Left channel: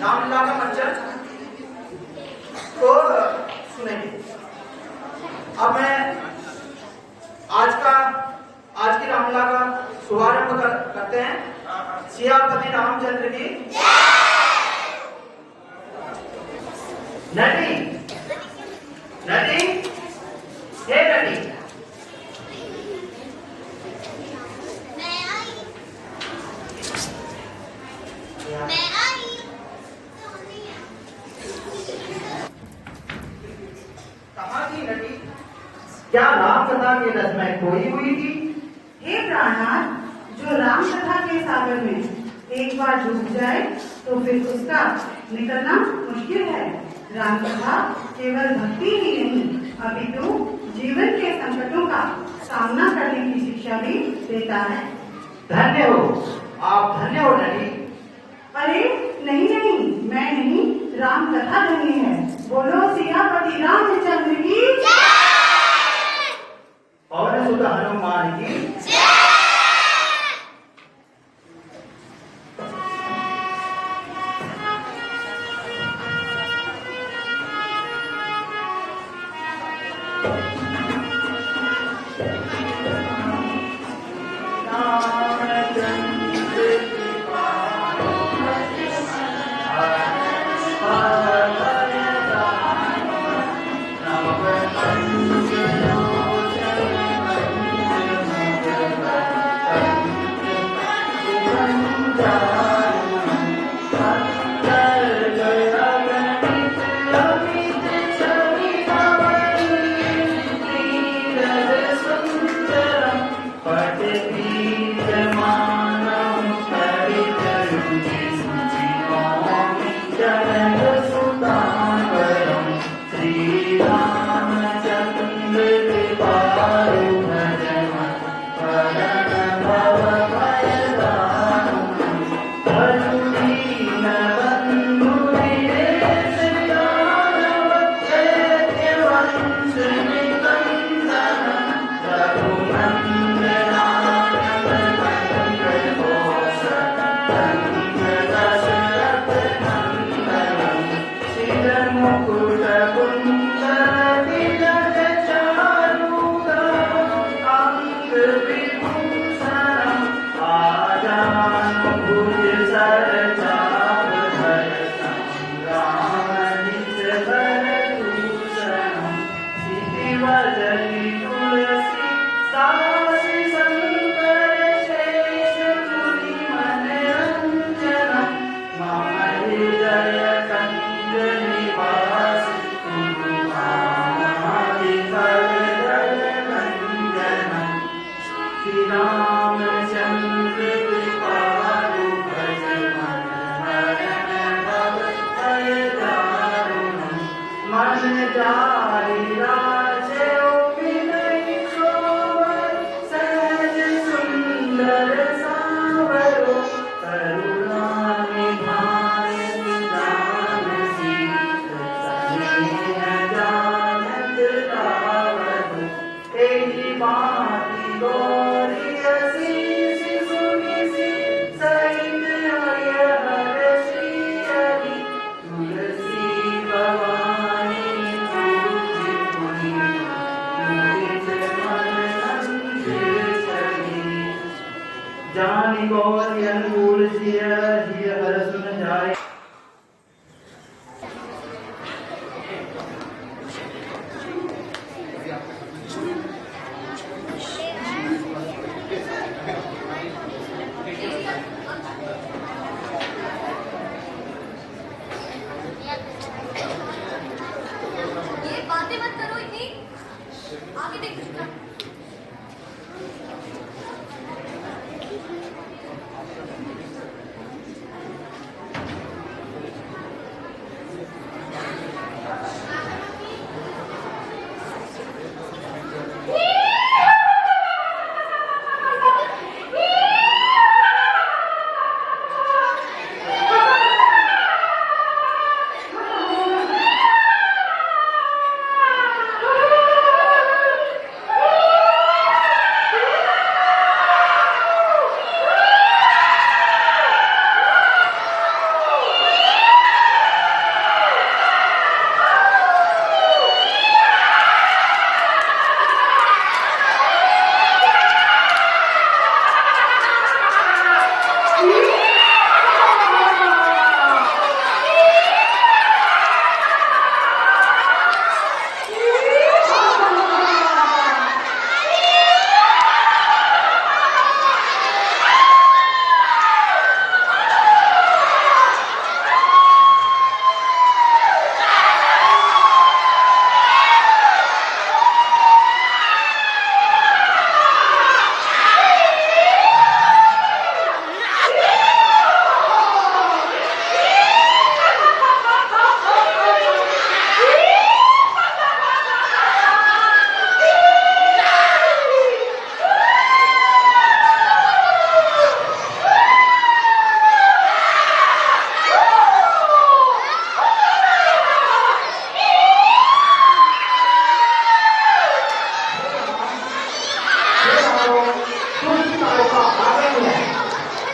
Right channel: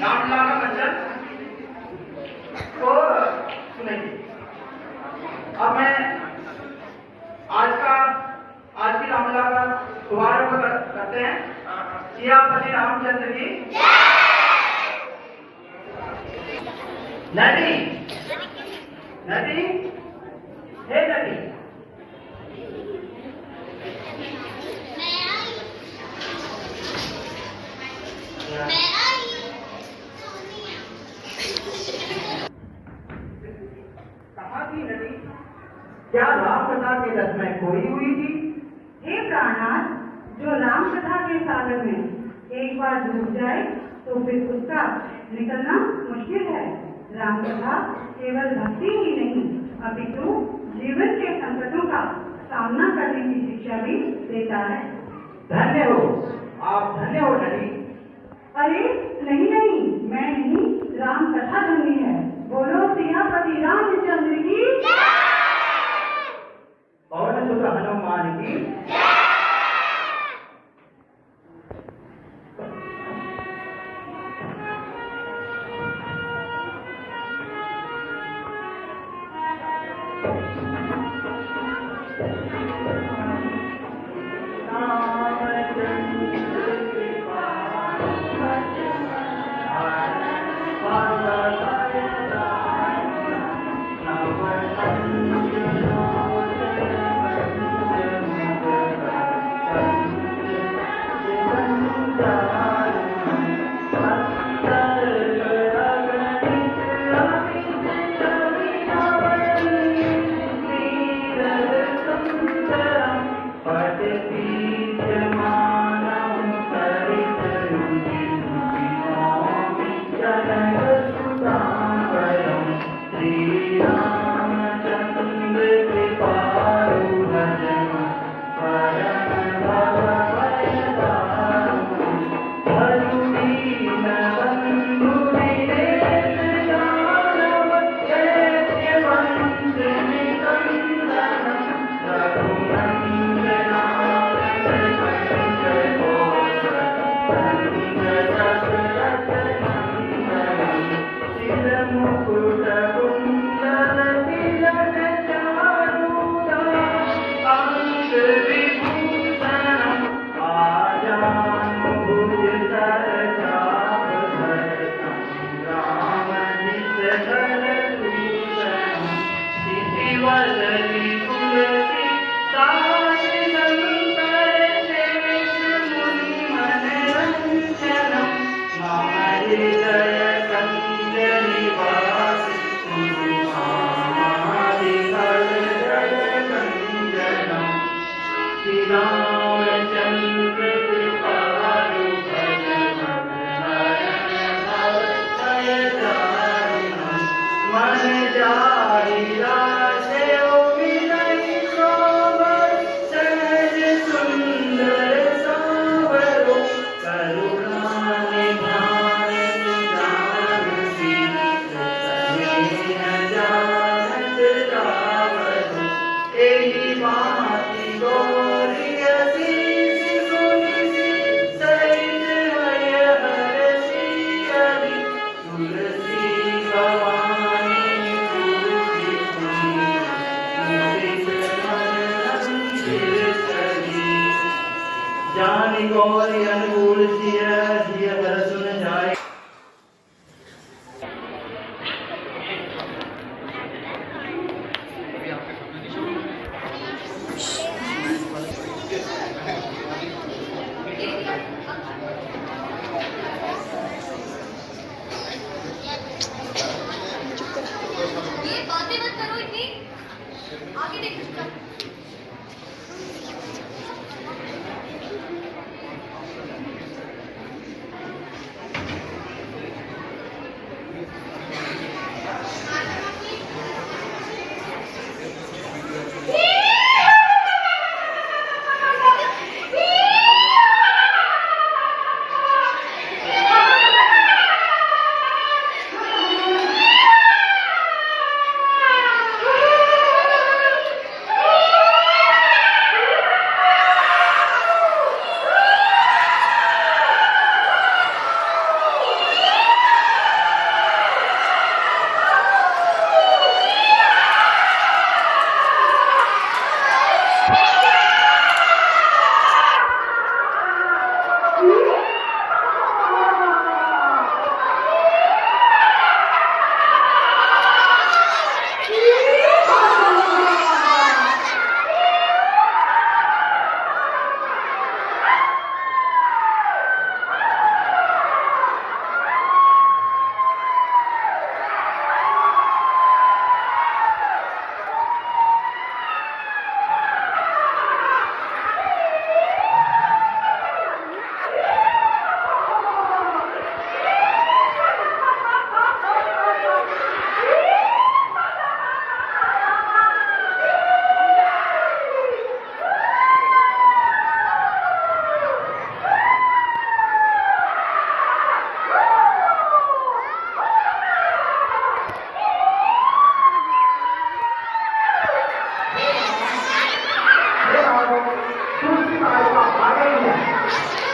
रामलीला का मंचन तो सुनेंगे। अब मैं आज की रामलीला का शुभारंभ करते हैं। सियापति रामचंद्र की नटी नटी हे नटी कहाँ थी नटी? क्या राम कथा के रस में खोई हुई थी? हे प्राणनाथ, जो राम कथा के सागर में एक बार डूब जाए तो फिर उसका निकलना मुश्किल है। राम कथा केवल भक्ति ही नहीं अपितु जीवन के संकटों का सामना करने की शिक्षा भी देता है। धन्य हो आप, धन्य हो नटी। अरे नहीं नहीं, मैं नहीं, राम कथा धन्य है। बोलो सियापति रामचंद्र की पवन सुत हनुमान की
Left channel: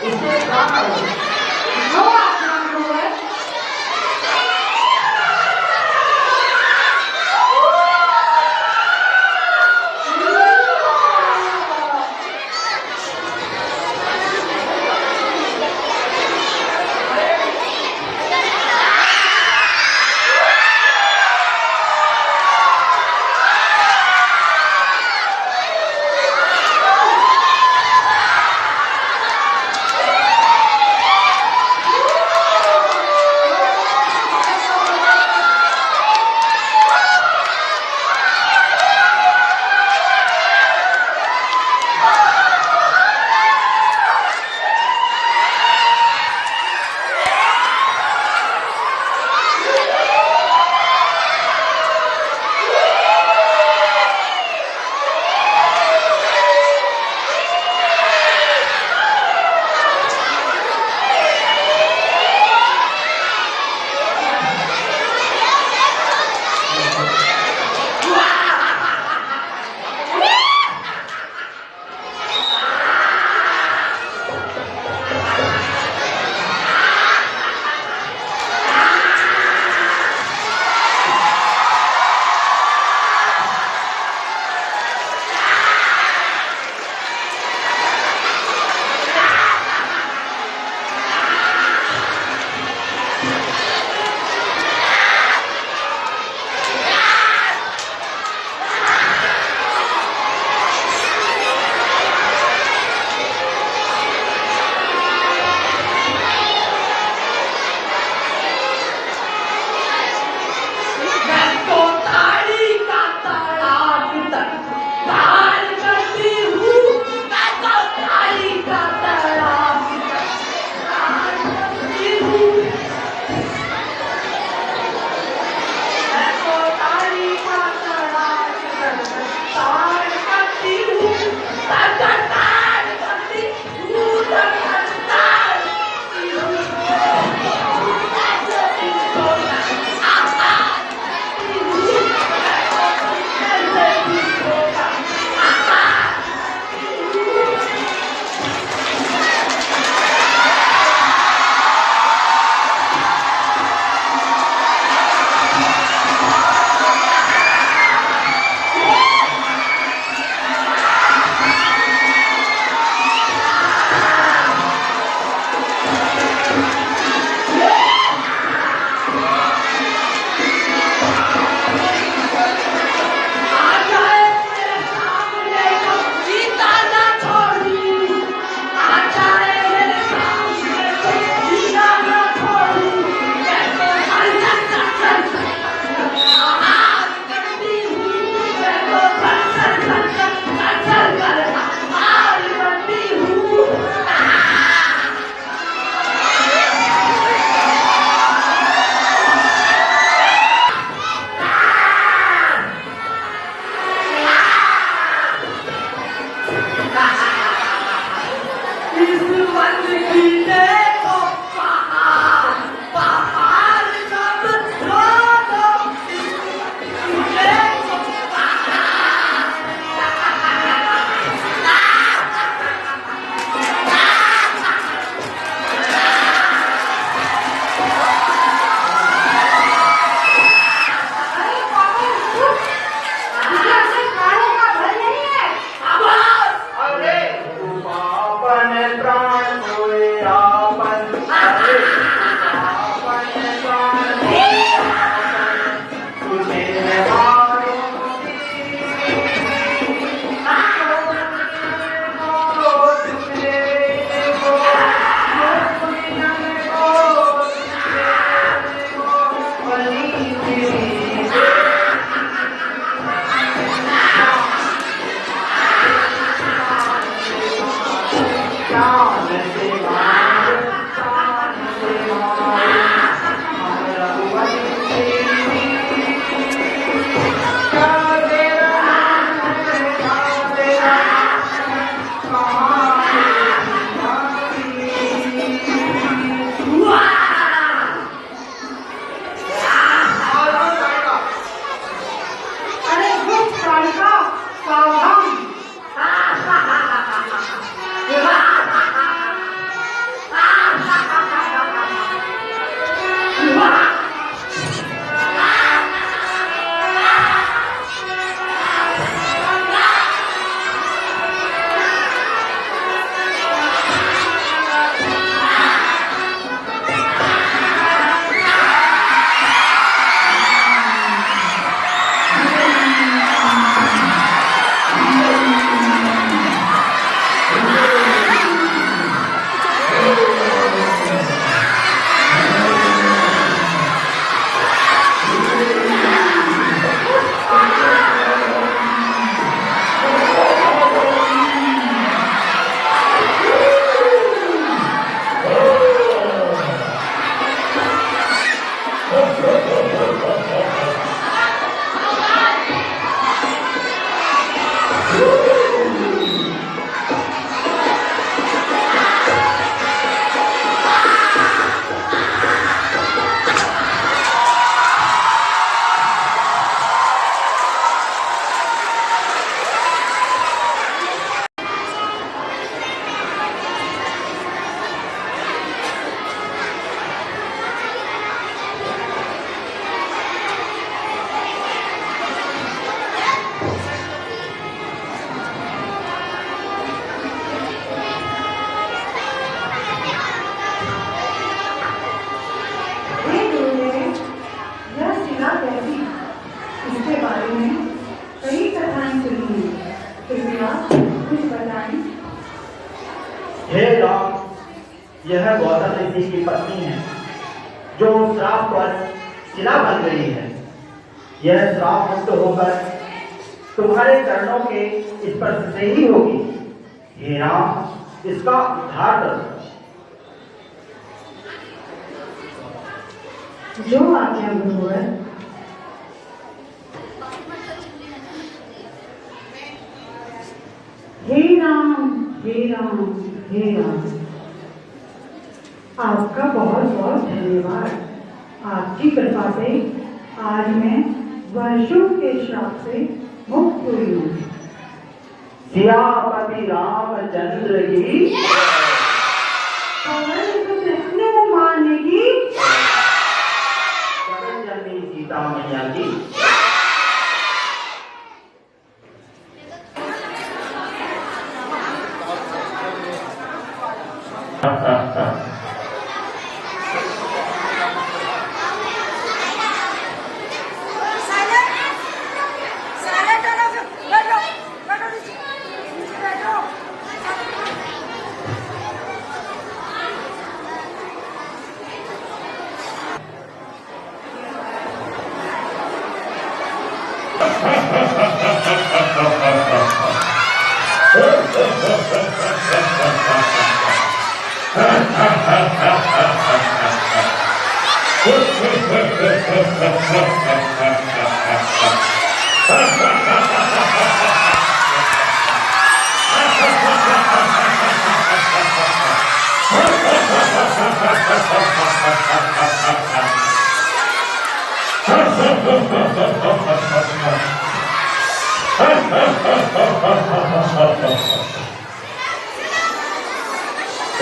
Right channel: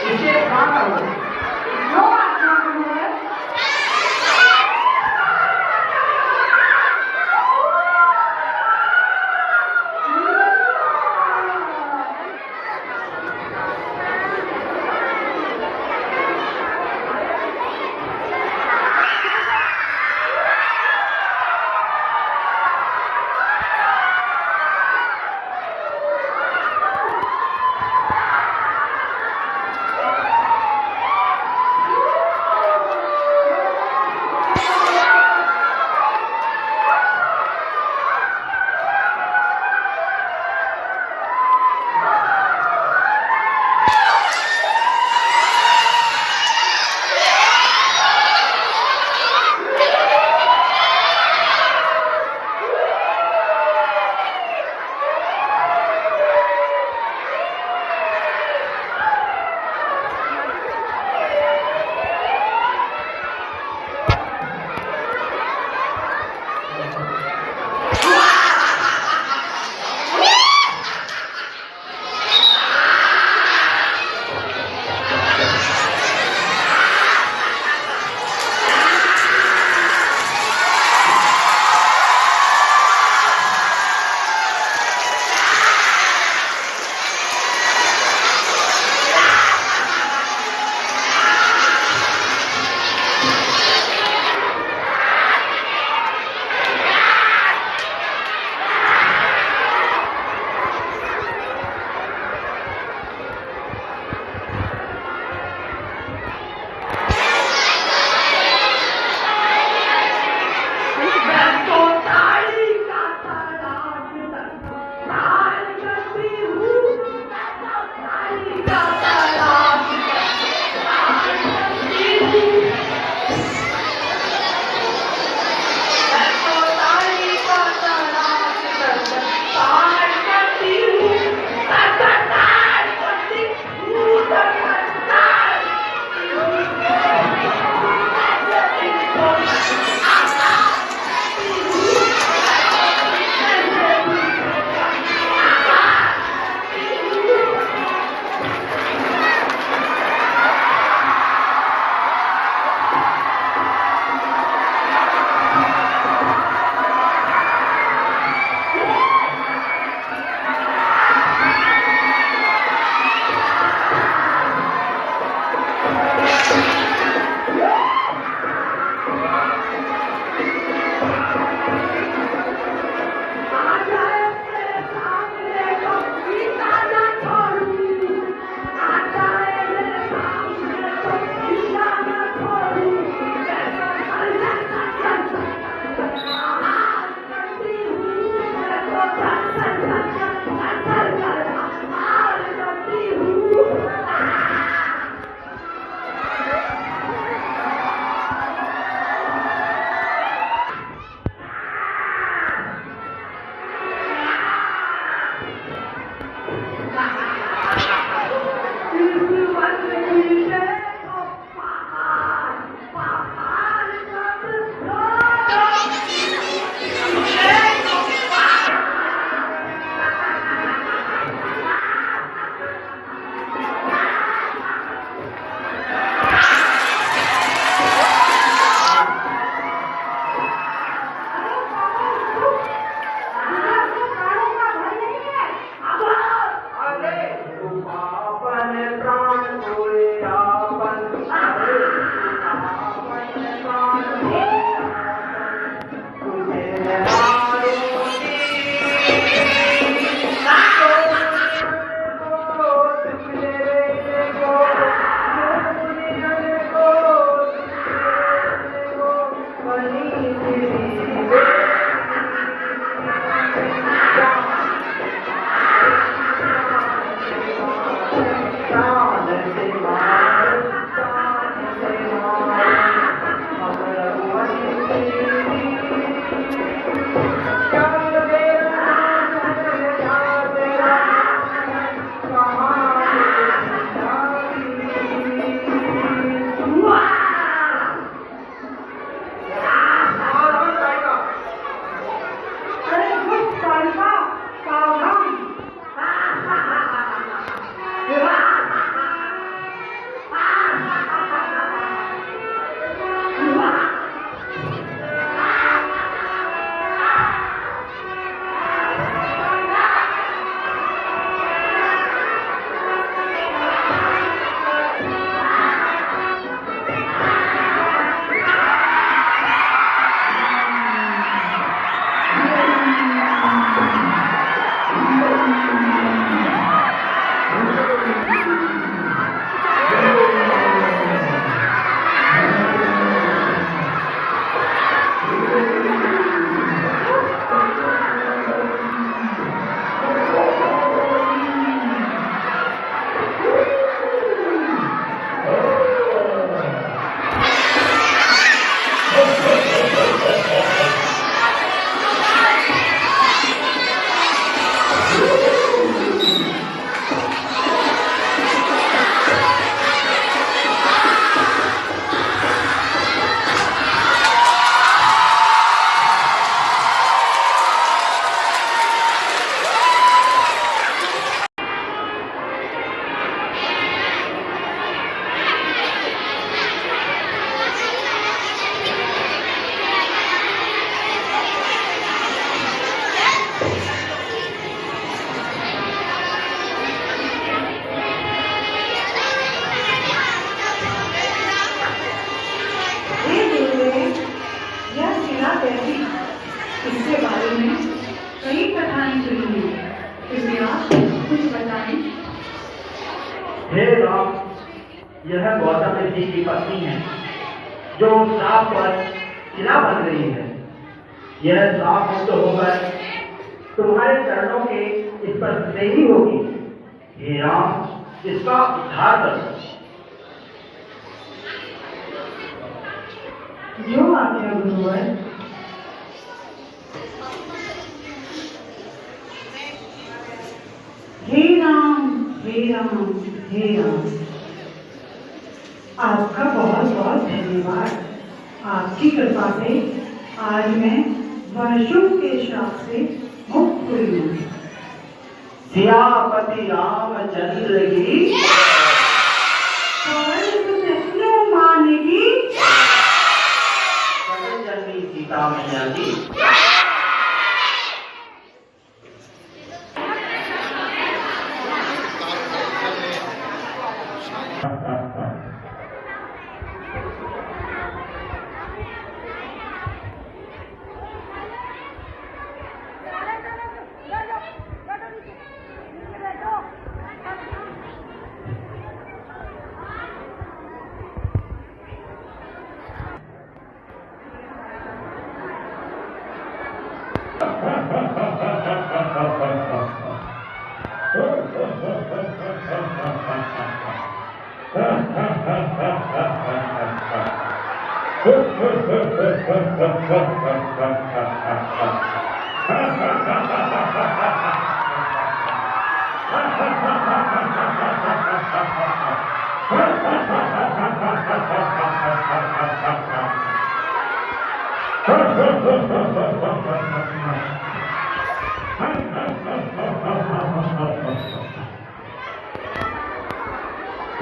इसे खाना जो आत्मा है यह गौतम ऋषि की पत्नी है, जो श्राप पर शिला बन गई है। यह श्राप मुक्त होकर तुम्हारे चरणों के स्पर्श से ही होगी। हे राम, इसका उद्धार करो। जो आज्ञा गुरुवर। हे राम, हे राम, हे राम, आपका बहुत बहुत धन्यवाद। आपकी कृपा से आज मैं वर्षों के श्राप से मुक्त हुई हूँ। सियापति रामचंद्र की माने की जन्मी सीता मैया की।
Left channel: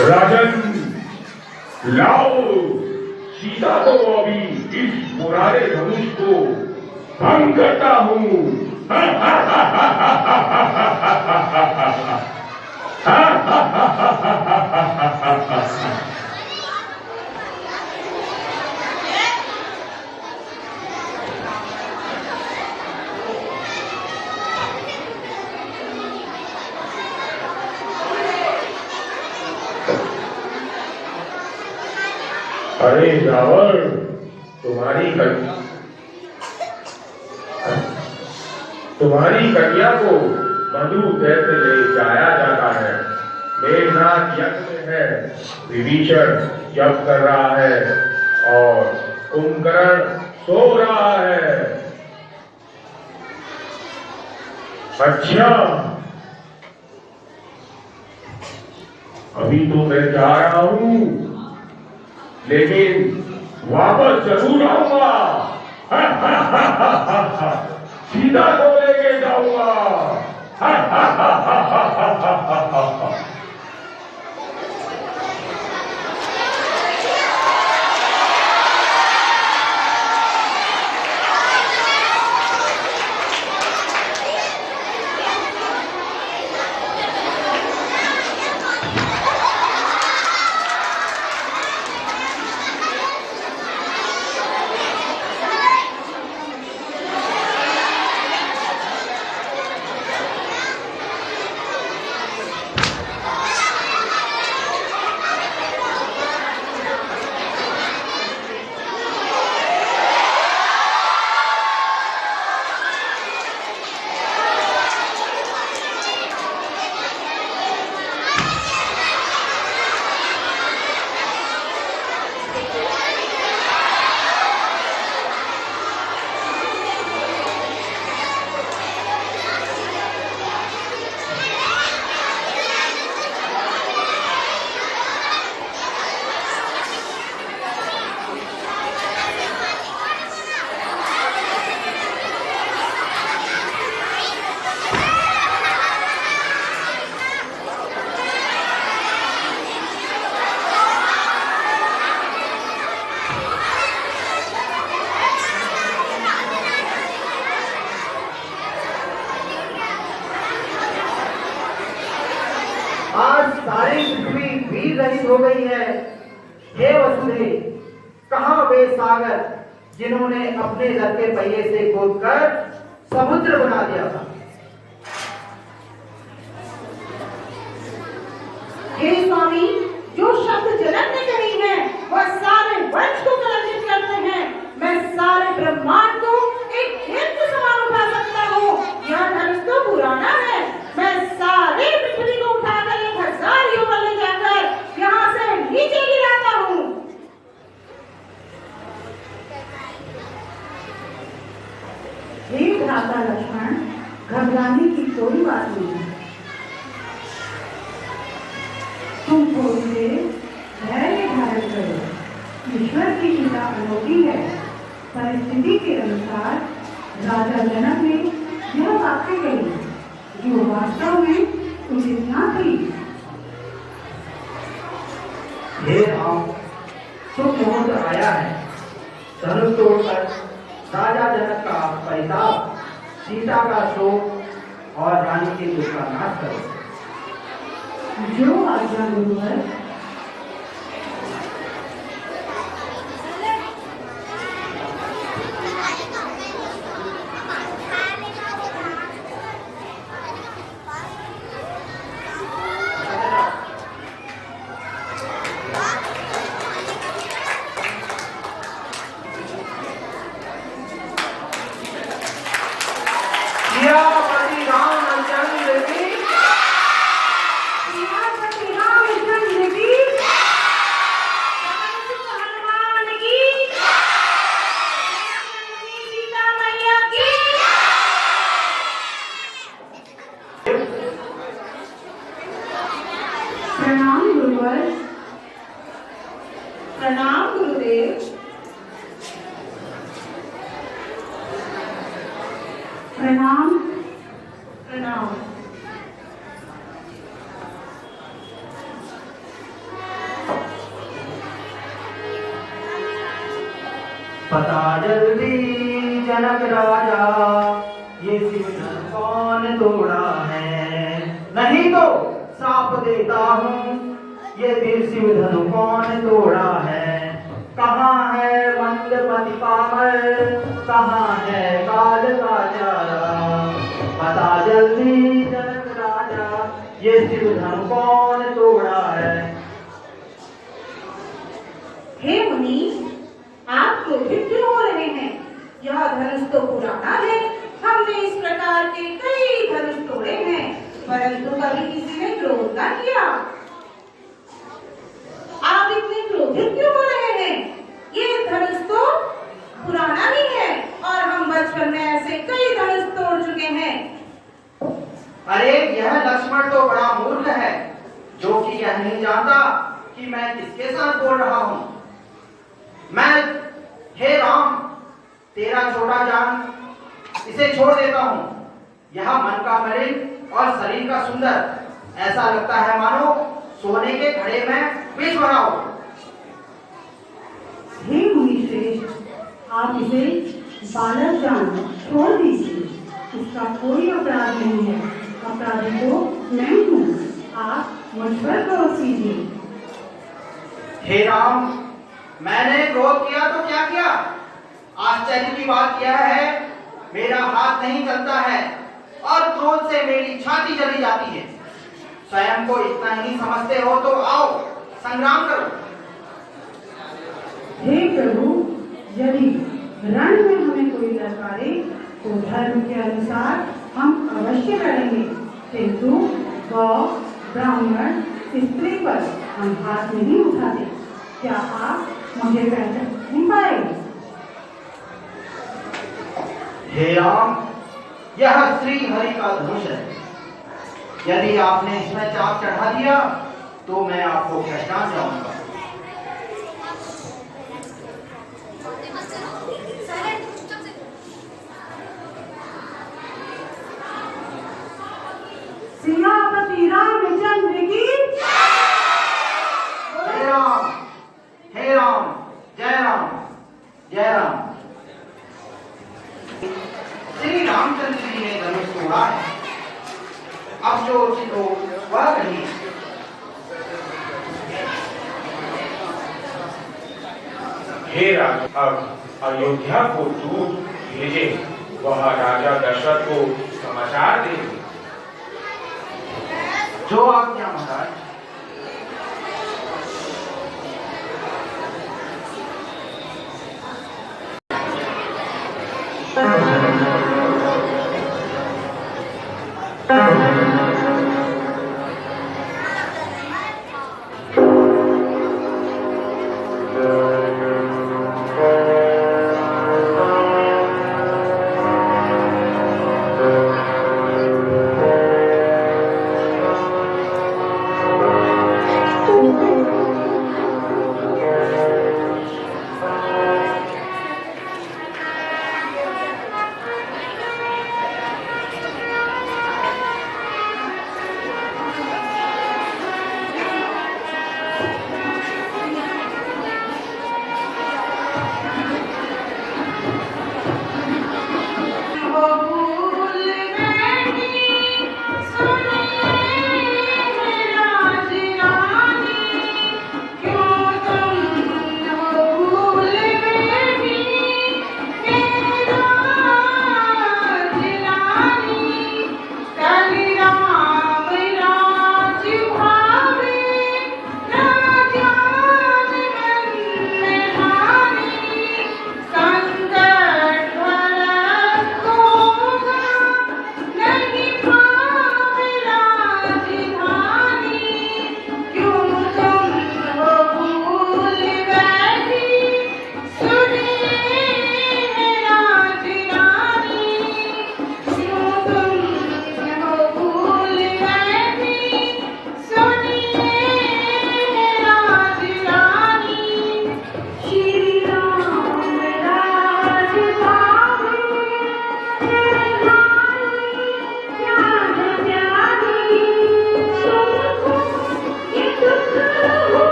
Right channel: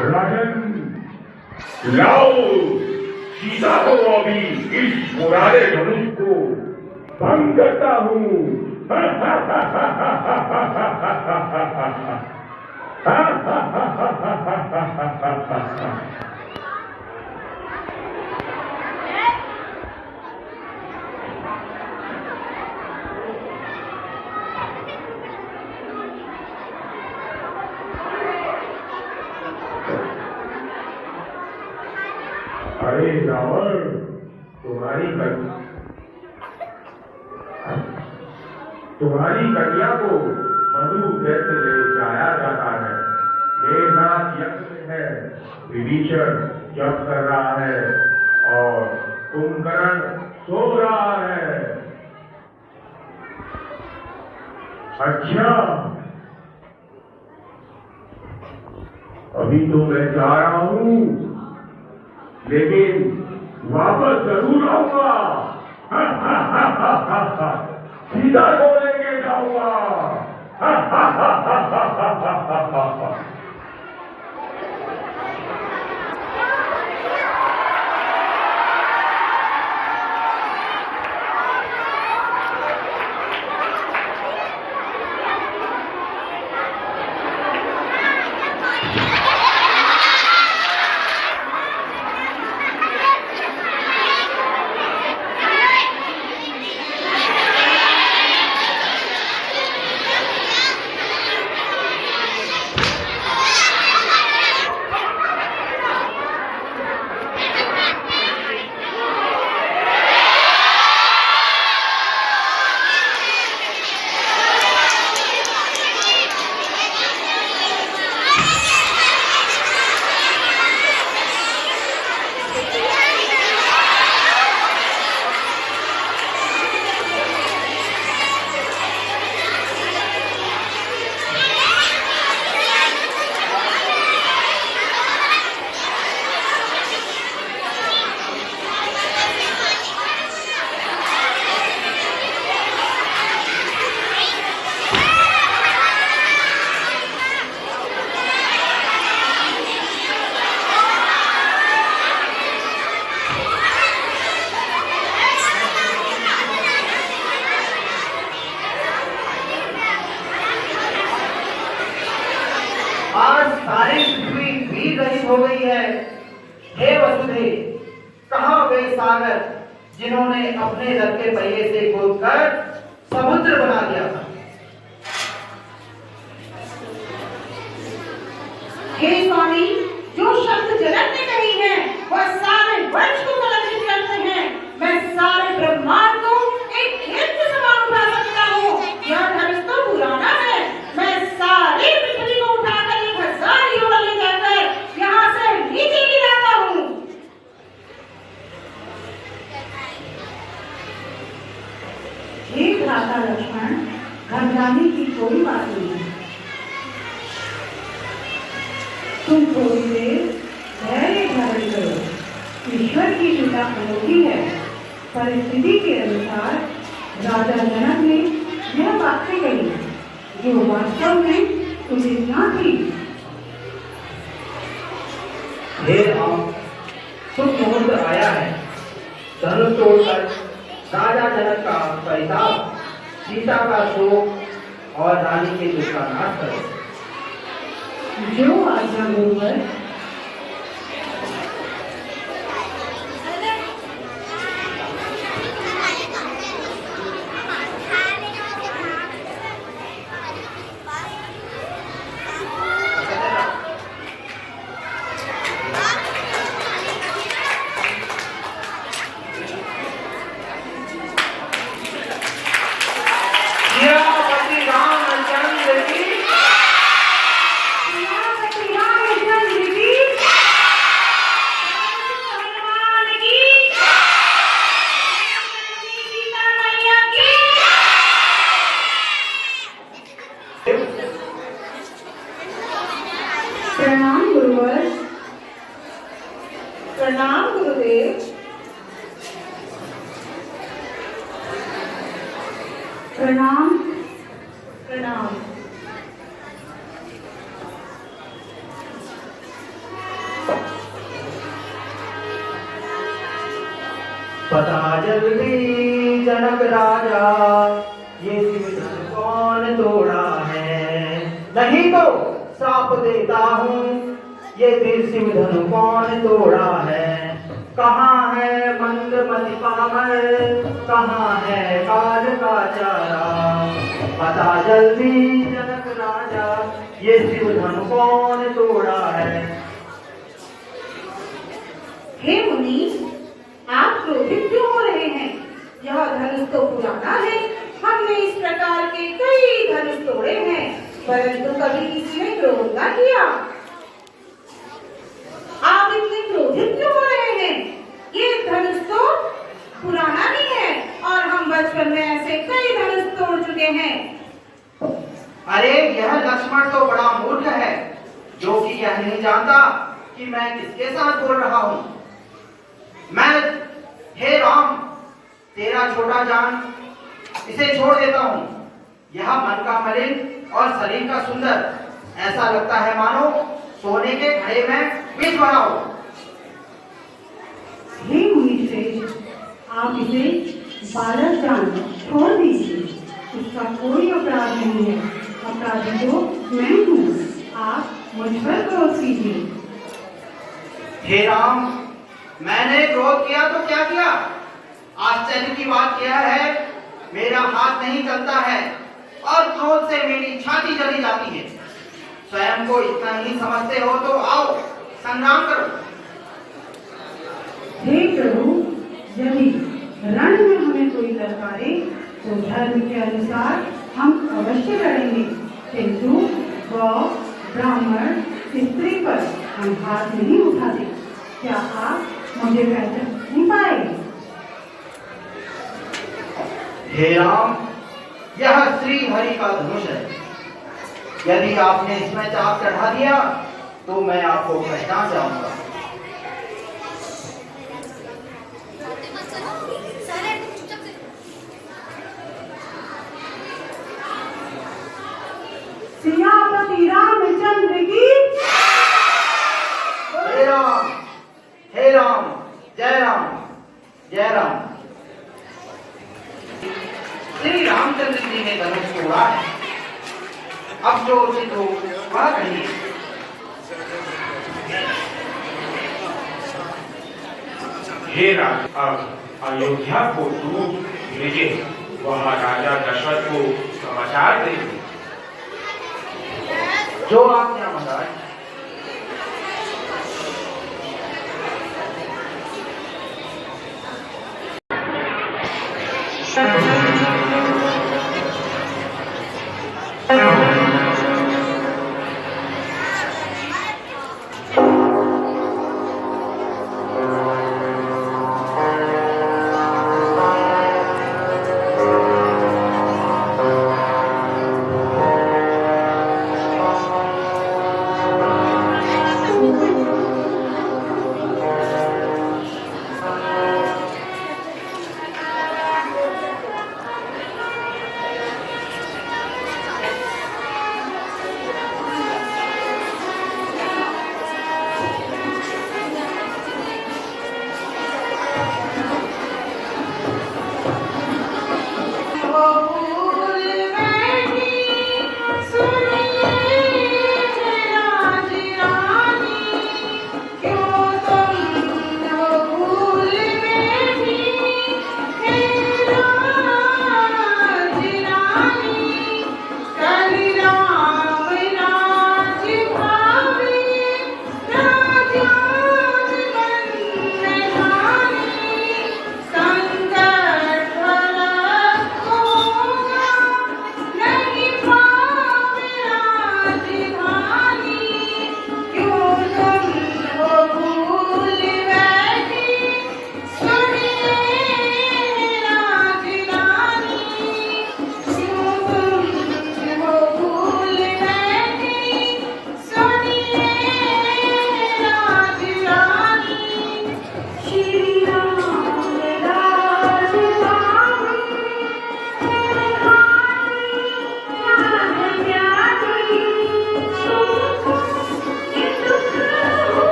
राजन, लाओ सीता को अभी इस पुराने धनुष को भंग करता हूँ। अरे रावण, तुम्हारी कन्या को मधु देते ले जाया जाता है। मेघनाथ यज्ञ में है, विभीषण जप कर रहा है और कुंभकर्ण सो रहा है। अच्छा, अभी तो मैं जा रहा हूँ, लेकिन वापस जरूर आऊंगा। सीता को लेके जाऊंगा। हो गई है। हे वसुदेव, कहाँ गए सागर जिन्होंने अपने रथ के पहिए से खोदकर समुद्र बना दिया था? हे स्वामी, जो शब्द जनक ने कही है वह सारे वंश को कलंकित करते हैं। मैं सारे ब्रह्मांड को एक खेत के समान उठा सकता हूँ। यह धनुष तो पुराना है। मैं सारी पृथ्वी को उठाकर 1000 योजन ले जाकर यहाँ से नीचे गिराता हूँ। हे भ्राता लक्ष्मण, घबराने की कोई बात नहीं है। तुम थोड़ी देर धैर्य धारण करो। ईश्वर की कृपा अनोखी है। परिस्थिति के अनुसार राजा जनक ने यह बातें कही जो वास्तव में उचित न थी। हे राम, शुभ मुहूर्त आया है। धनुष तोड़कर राजा जनक का परिताप, सीता का शोक और रानी के दुख का नाश करो। जो आज्ञा गुरुवर। सियापति रामचंद्र की प्रणाम गुरुवर। प्रणाम गुरुदेव। प्रणाम प्रणाम। पता जल्दी जनक राजा, ये सिंहासन कौन तोड़ा है? नहीं तो श्राप देता हूँ, ये सिंह धनु कौन तोड़ा है? कहाँ है मंदमति पामर, कहाँ है काल का चारा? पता जल्दी जनक राजा, ये सिंह धनु कौन तोड़ा है? हे मुनि, आप क्रोधित क्यों हो रहे हैं? यह धनुष तो पुराना है। हमने इस प्रकार के कई धनुष तोड़े हैं, परंतु कभी किसी ने क्रोध न किया। आप इतने क्रोधित क्यों हो रहे हैं? ये धनुष तो पुराना नहीं है और हम बचपन में ऐसे कई धनुष तोड़ चुके हैं। अरे यह लक्ष्मण तो बड़ा मूर्ख है, जो कि यह नहीं जानता कि मैं किसके साथ बोल रहा हूँ। मैं, हे राम, तेरा छोटा जान इसे छोड़ देता हूँ। यह मन का मलिन और शरीर का सुंदर, ऐसा लगता है मानो सोने के घड़े में बीज भरा हो। हे मुनिश्रेष्ठ, आप इसे बालक जान छोड़ दीजिए। इसका कोई अपराध नहीं है। अपराधी तो मैं हूँ। आप मुझ पर क्रोध कीजिए। हे राम, मैंने क्रोध किया तो क्या किया? आश्चर्य की बात यह है, मेरा हाथ नहीं चलता है और क्रोध से मेरी छाती जली जाती है। स्वयं को इतना ही समझते हो तो आओ संग्राम करो। हे प्रभु, यदि रण में हमें कोई ललकारे तो धर्म के अनुसार हम अवश्य करेंगे, किंतु गौ, ब्राह्मण, स्त्री पर हम हाथ नहीं उठाते। क्या आप मुझे पहचान नहीं पाए? हे राम, यह श्री हरि का धनुष है। यदि आपने इसमें चाप चढ़ा दिया तो मैं आपको पहचान जाऊंगा। सियापति रामचंद्र की। हे राम, हे राम, जय राम, जय राम। श्री रामचंद्र जी ने धनुष तोड़ा है। अब जो उचित हो वह कहिए। हे राज, अब अयोध्या को दूत भेजे, वह राजा दशरथ को समाचार दे। जो आज्ञा महाराज।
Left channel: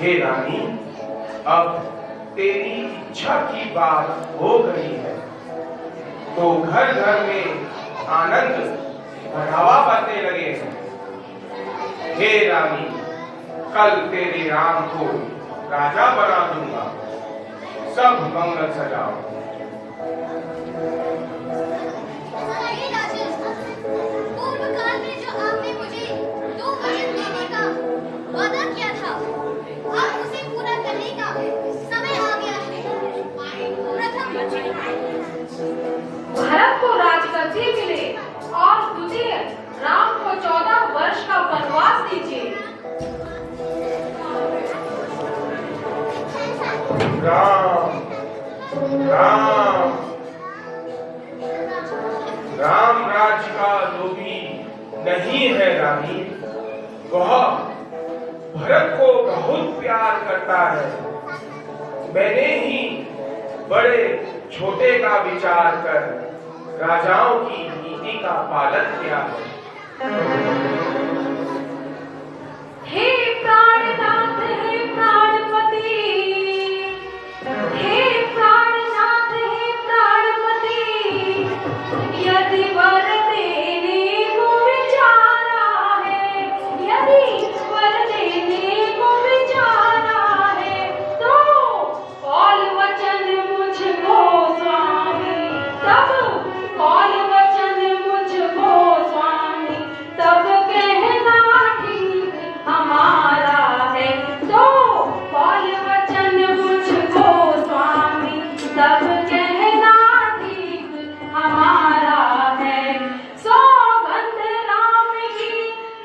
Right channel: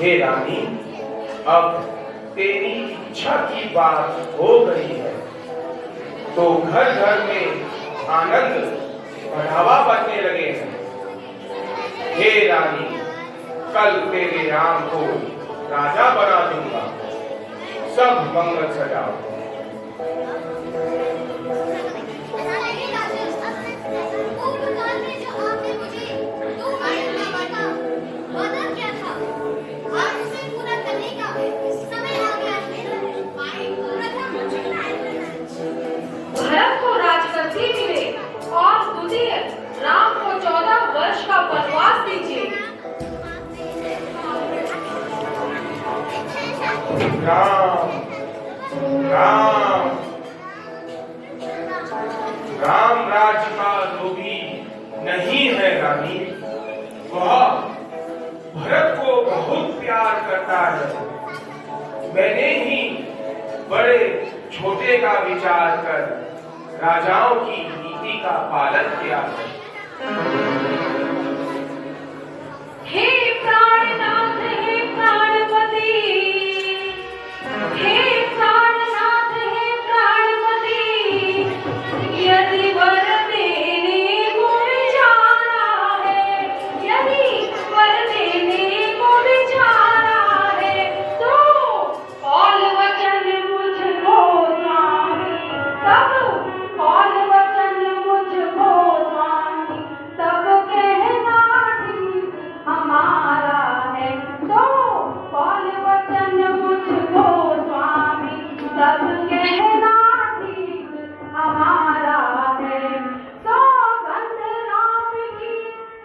हे रानी, अब तेरी इच्छा की बात हो गई है तो घर घर में आनंद बढ़ावा पाने लगे हैं। हे रानी, कल तेरे राम को राजा बना दूंगा। सब मंगल सजाओ। पूर्वकाल में जो आपने मुझे 2 वरन देने का वादा किया था, अब उसे पूरा करने का समय आ गया है। प्रथम भरत को राजगद्दी मिले और द्वितीय राम को 14 वर्ष का वनवास दीजिए। राम राम राम राज्य का लोभी नहीं है रानी, वह भरत को बहुत प्यार करता है। मैंने ही बड़े छोटे का विचार कर राजाओं की नीति का पालन किया है। हे प्राणनाथ, हे प्राणपति, हे प्राणनाथ, हे प्राणपति, यदि वर देने को विचारा है, यदि वर देने को विचारा है, तो कौल वचन मुझको स्वामी, तब कौल वचन मुझको स्वामी, तब कहना ठीक हमारा है, तो कौल वचन मुझको स्वामी, तब कहना ठीक हमारा है। सौगंध राम की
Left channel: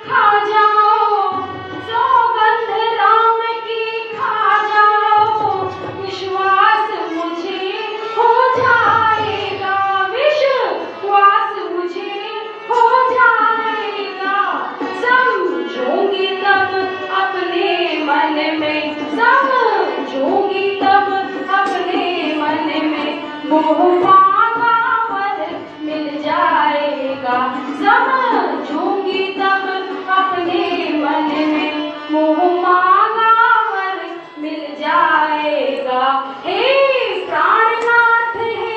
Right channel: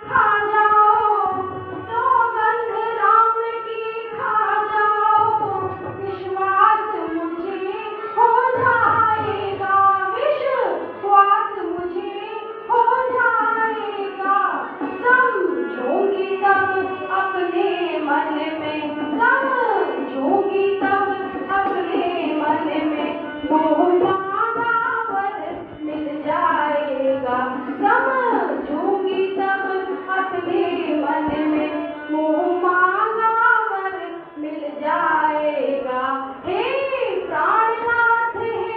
खा जाओ, सौगंध राम की खा जाओ, विश्वास मुझे हो जाएगा, विश्वास मुझे हो जाएगा। समझूंगी तब अपने मन में, समझूंगी तब अपने मन में, मोह मांगा वर मिल जाएगा। समझूंगी तब अपने मन में, मोह मांगा वर मिल जाएगा। हे प्राणनाथ, हे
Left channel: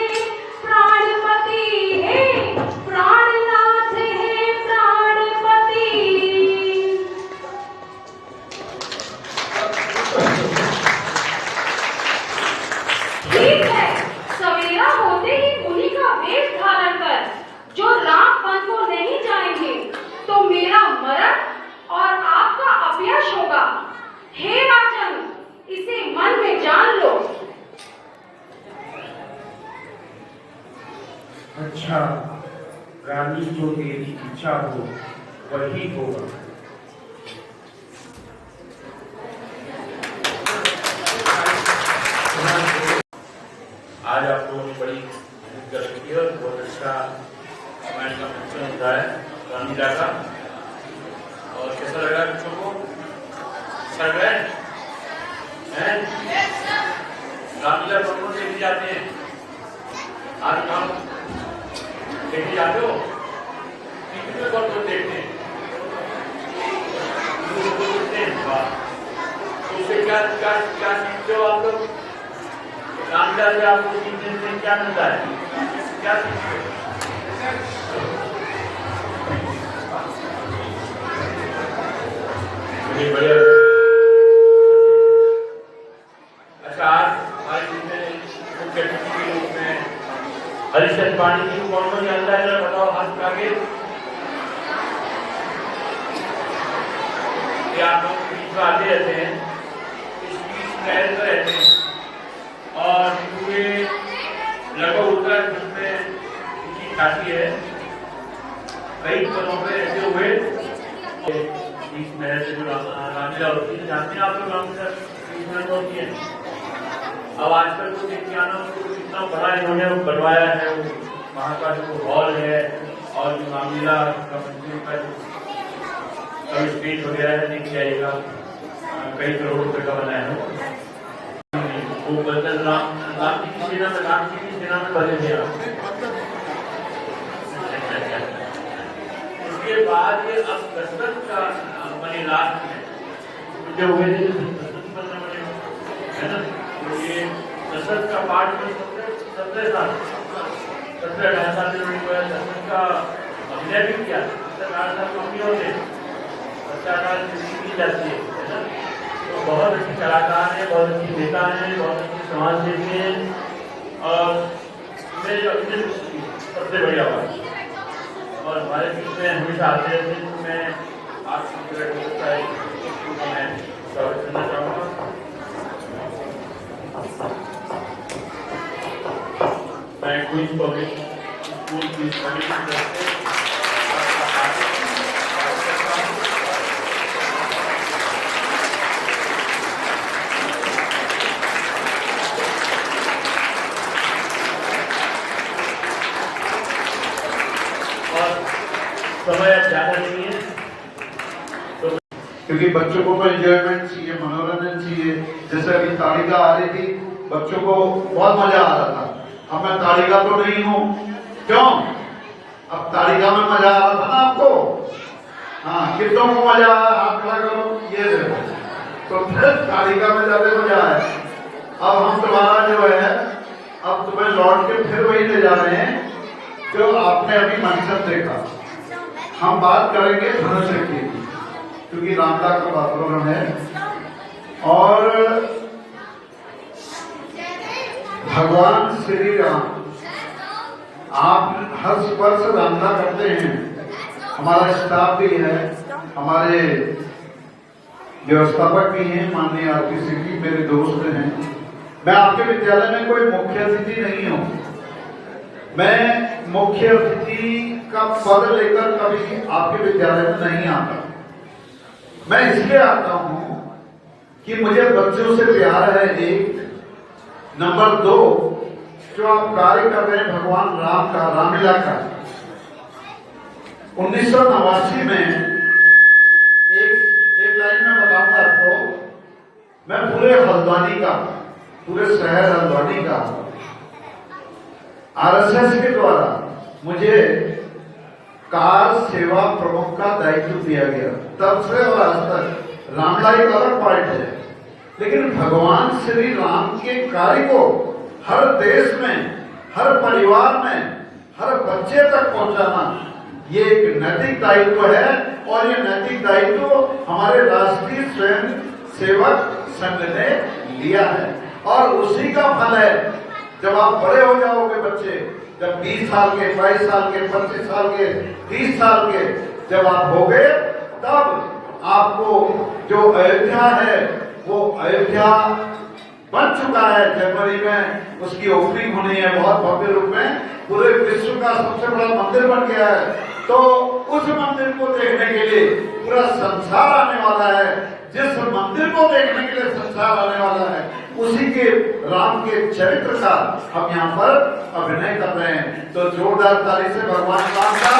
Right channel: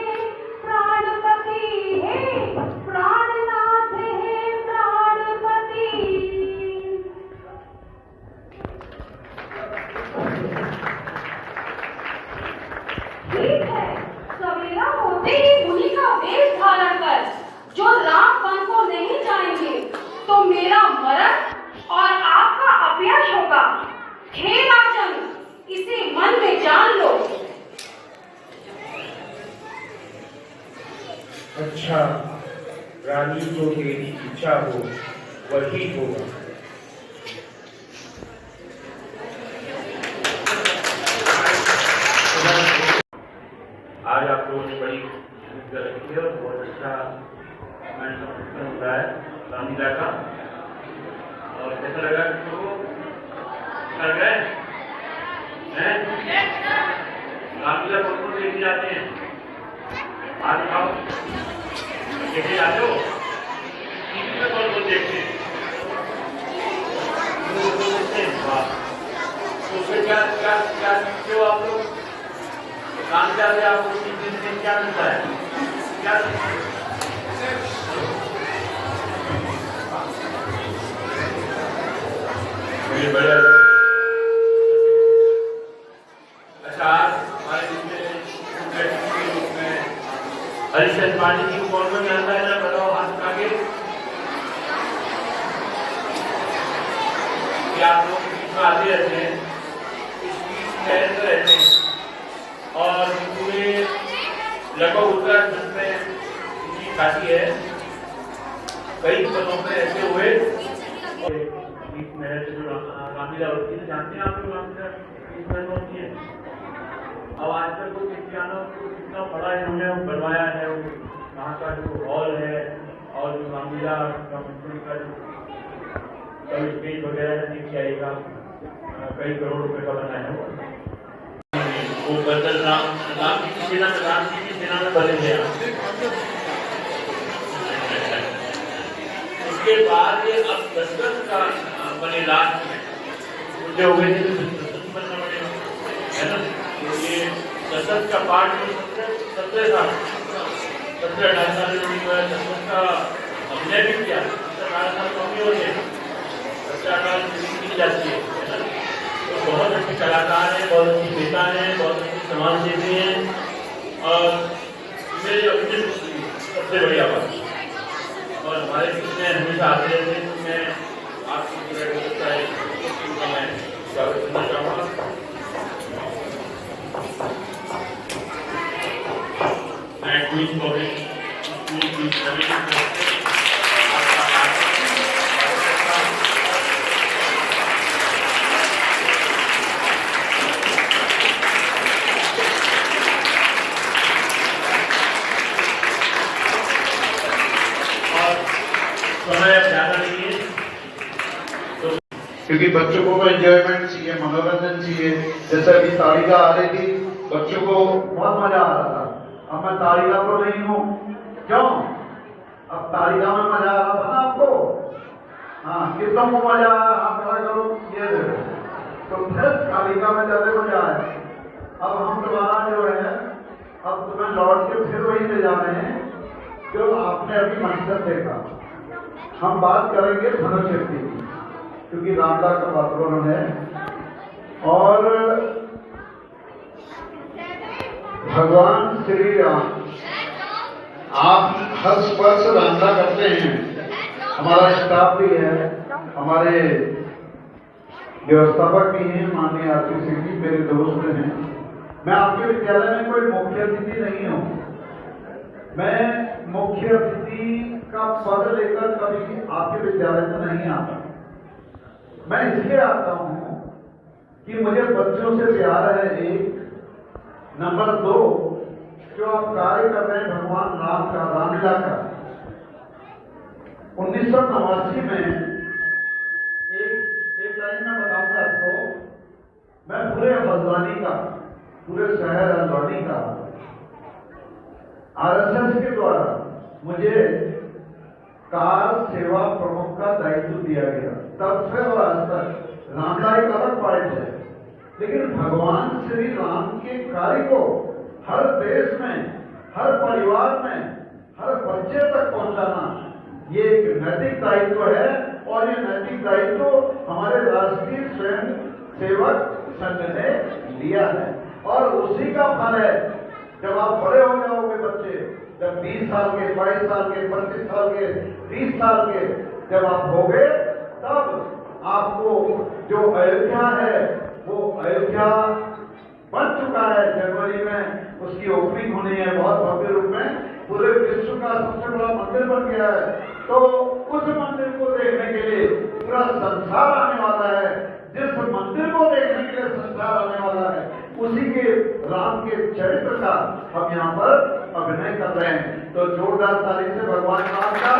प्राणपति, हे प्राणनाथ, हे प्राणपति। ठीक है, सवेरा होते ही मुनि का वेश धारण कर जो राम वन को नहीं जाएंगे तो मेरा मरण और आपका अपयश होगा। हे राजन, इसे मन में जान लो। अच्छा, रानी, जो तेरी इच्छा हो वही होगा। आज आप लोगों ने बड़ी गलती है, बहुत अच्छा हमारे का फंक्शन होता है रामलीला का। और कैसा लगा बच्चों को? सर गए हैं? रामलीला कौन कौन देखने जाते हैं? आज आप देखने जाते हो? टीवी में कौन कौन देखते हैं? तो फिर क्या क्या क्या सीखते हो आप लोग? रामलीला से आपको 3 दिन क्या मिलता है? क्या सीखते हो? बढ़िया। अच्छा, आज हमारे मुख्य अतिथि के रूप में हरिश्चंद्र पांडे जी को कौन कौन जानता है? बताओ हाथ उठा के। क्या आप लोग बीच में आते रहते हैं, इस बीच में रहते हैं और पूरे लगभग उत्तराखंड में उनकी ख्याति है। कई जगहों पे ऐसे हुए बीच महल से जो रामलीला होती है, जानते हैं आप लोग रामलीला बीच महल होती है। अब आजकल तो देखिए आना उसको कितना बड़ा इन्होंने बनवाया है, वहाँ का जो हॉल है और जो रामलीला का मंदिर का जो स्टेज वगैरह है, देख जाइएगा कई करोड़ रुपए का बनाया है। वो बदल राम जी की सेना में बदल गया। उसके बाद अब दशरथ का बने लास्ट में जो हुए थे दशरथ का पाठ 17 साल 17-18 साल में जो है दशरथ का अभिनय भी किया। 17-18 साल कम होते 50 की जाती है ना। तो बहुत अच्छी कलाकार हैं, बहुत अच्छी नेता हैं, बहुत अच्छी समाज सेवी हैं और मेरे अभिनय सबसे बढ़िया बात। और हमारे बीच में हमेशा आते रहते हैं। तो मैं आपकी मैं स्वागत करना चाहूँगा। मैं क्वींस पब्लिक स्कूल की समिति की तरफ से समय ज़्यादा नहीं है तो क्योंकि बच्चों को एंजॉयमेंट चाहिए, मनोरंजन चाहिए। जैसे अभी ताड़िका आ रही थी, बच्चों को बहुत मजा आ रहा था। अब मैं ताड़िका तो नहीं हूँ, क्यों? अब ताड़िका में मजा आ रहा था ना आपको? हाँ, कितनों को मजा आया? हाथ खड़ा करो, ये देखो। तो फिर ताड़िका में ज्यादा मजा आया। अब हम तुम्हारा जो है, अब तुम्हें लौट के फिर वही ले जा रहे हैं जो आपने अभी मंचन देखा। हम बात करेंगे धनुष की, क्योंकि रामदा का वातावरण है। और भगवान श्री राम, आप हर स्पर्श रामदा करते हैं। हमारा स्टाफ भी है, हमारे व्यवस्थापक भी हैं, माननीय आरपी सिंह जी मेरे दोस्त हैं। मैं आपके विद्यालय में कोई मुख्य अतिथि नहीं हूँ। मैं मुख्य अतिथि का पद लेकर कभी आपके विद्यालय में नहीं आता। मैं इसलिए आता हूं कि मुझे बच्चों से प्यार है, एक। नंबर 2, जो आप कार्य कर रहे हैं भगवान राम का, रामलीला का। 1989 में एक लाइन में बताऊंगा आपको। मैं पूरे हल्द्वानी का, पूरे शहर हल्द्वानी का आरएसएस के द्वारा मुझे कार सेवा प्रमुख का दायित्व दिया गया। तब से और आज तक रामलीला एक अलग पार्ट है, लेकिन भगवान श्री राम के कार्य को हर देश में, हर परिवार में, हर बच्चे तक पहुंचाना ये एक नैतिक दायित्व है। और ये नैतिक दायित्व हमारे राष्ट्रीय स्वयं सेवक संघ ने लिया है और उसी का फल है। जब आप बड़े हो जाओगे बच्चे, जब 20 साल के, 22 साल के, 25 साल के, 30 साल के जब आप हो गए, तब आपको जो अयोध्या है वो अयोध्या बन चुका है। जनवरी में उसकी ओपनिंग होनी है बहुत भव्य रूप में। पूरे विश्व का सबसे बड़ा मंदिर बन गया है। तो उस मंदिर को देखने के लिए पूरा संसार आने वाला है। जिस मंदिर को देखने के लिए संसार आने वाला है, उसी के राम के चरित्र का हम यहाँ पर अभिनय कर रहे हैं। तो जोरदार ताली से भगवान राम का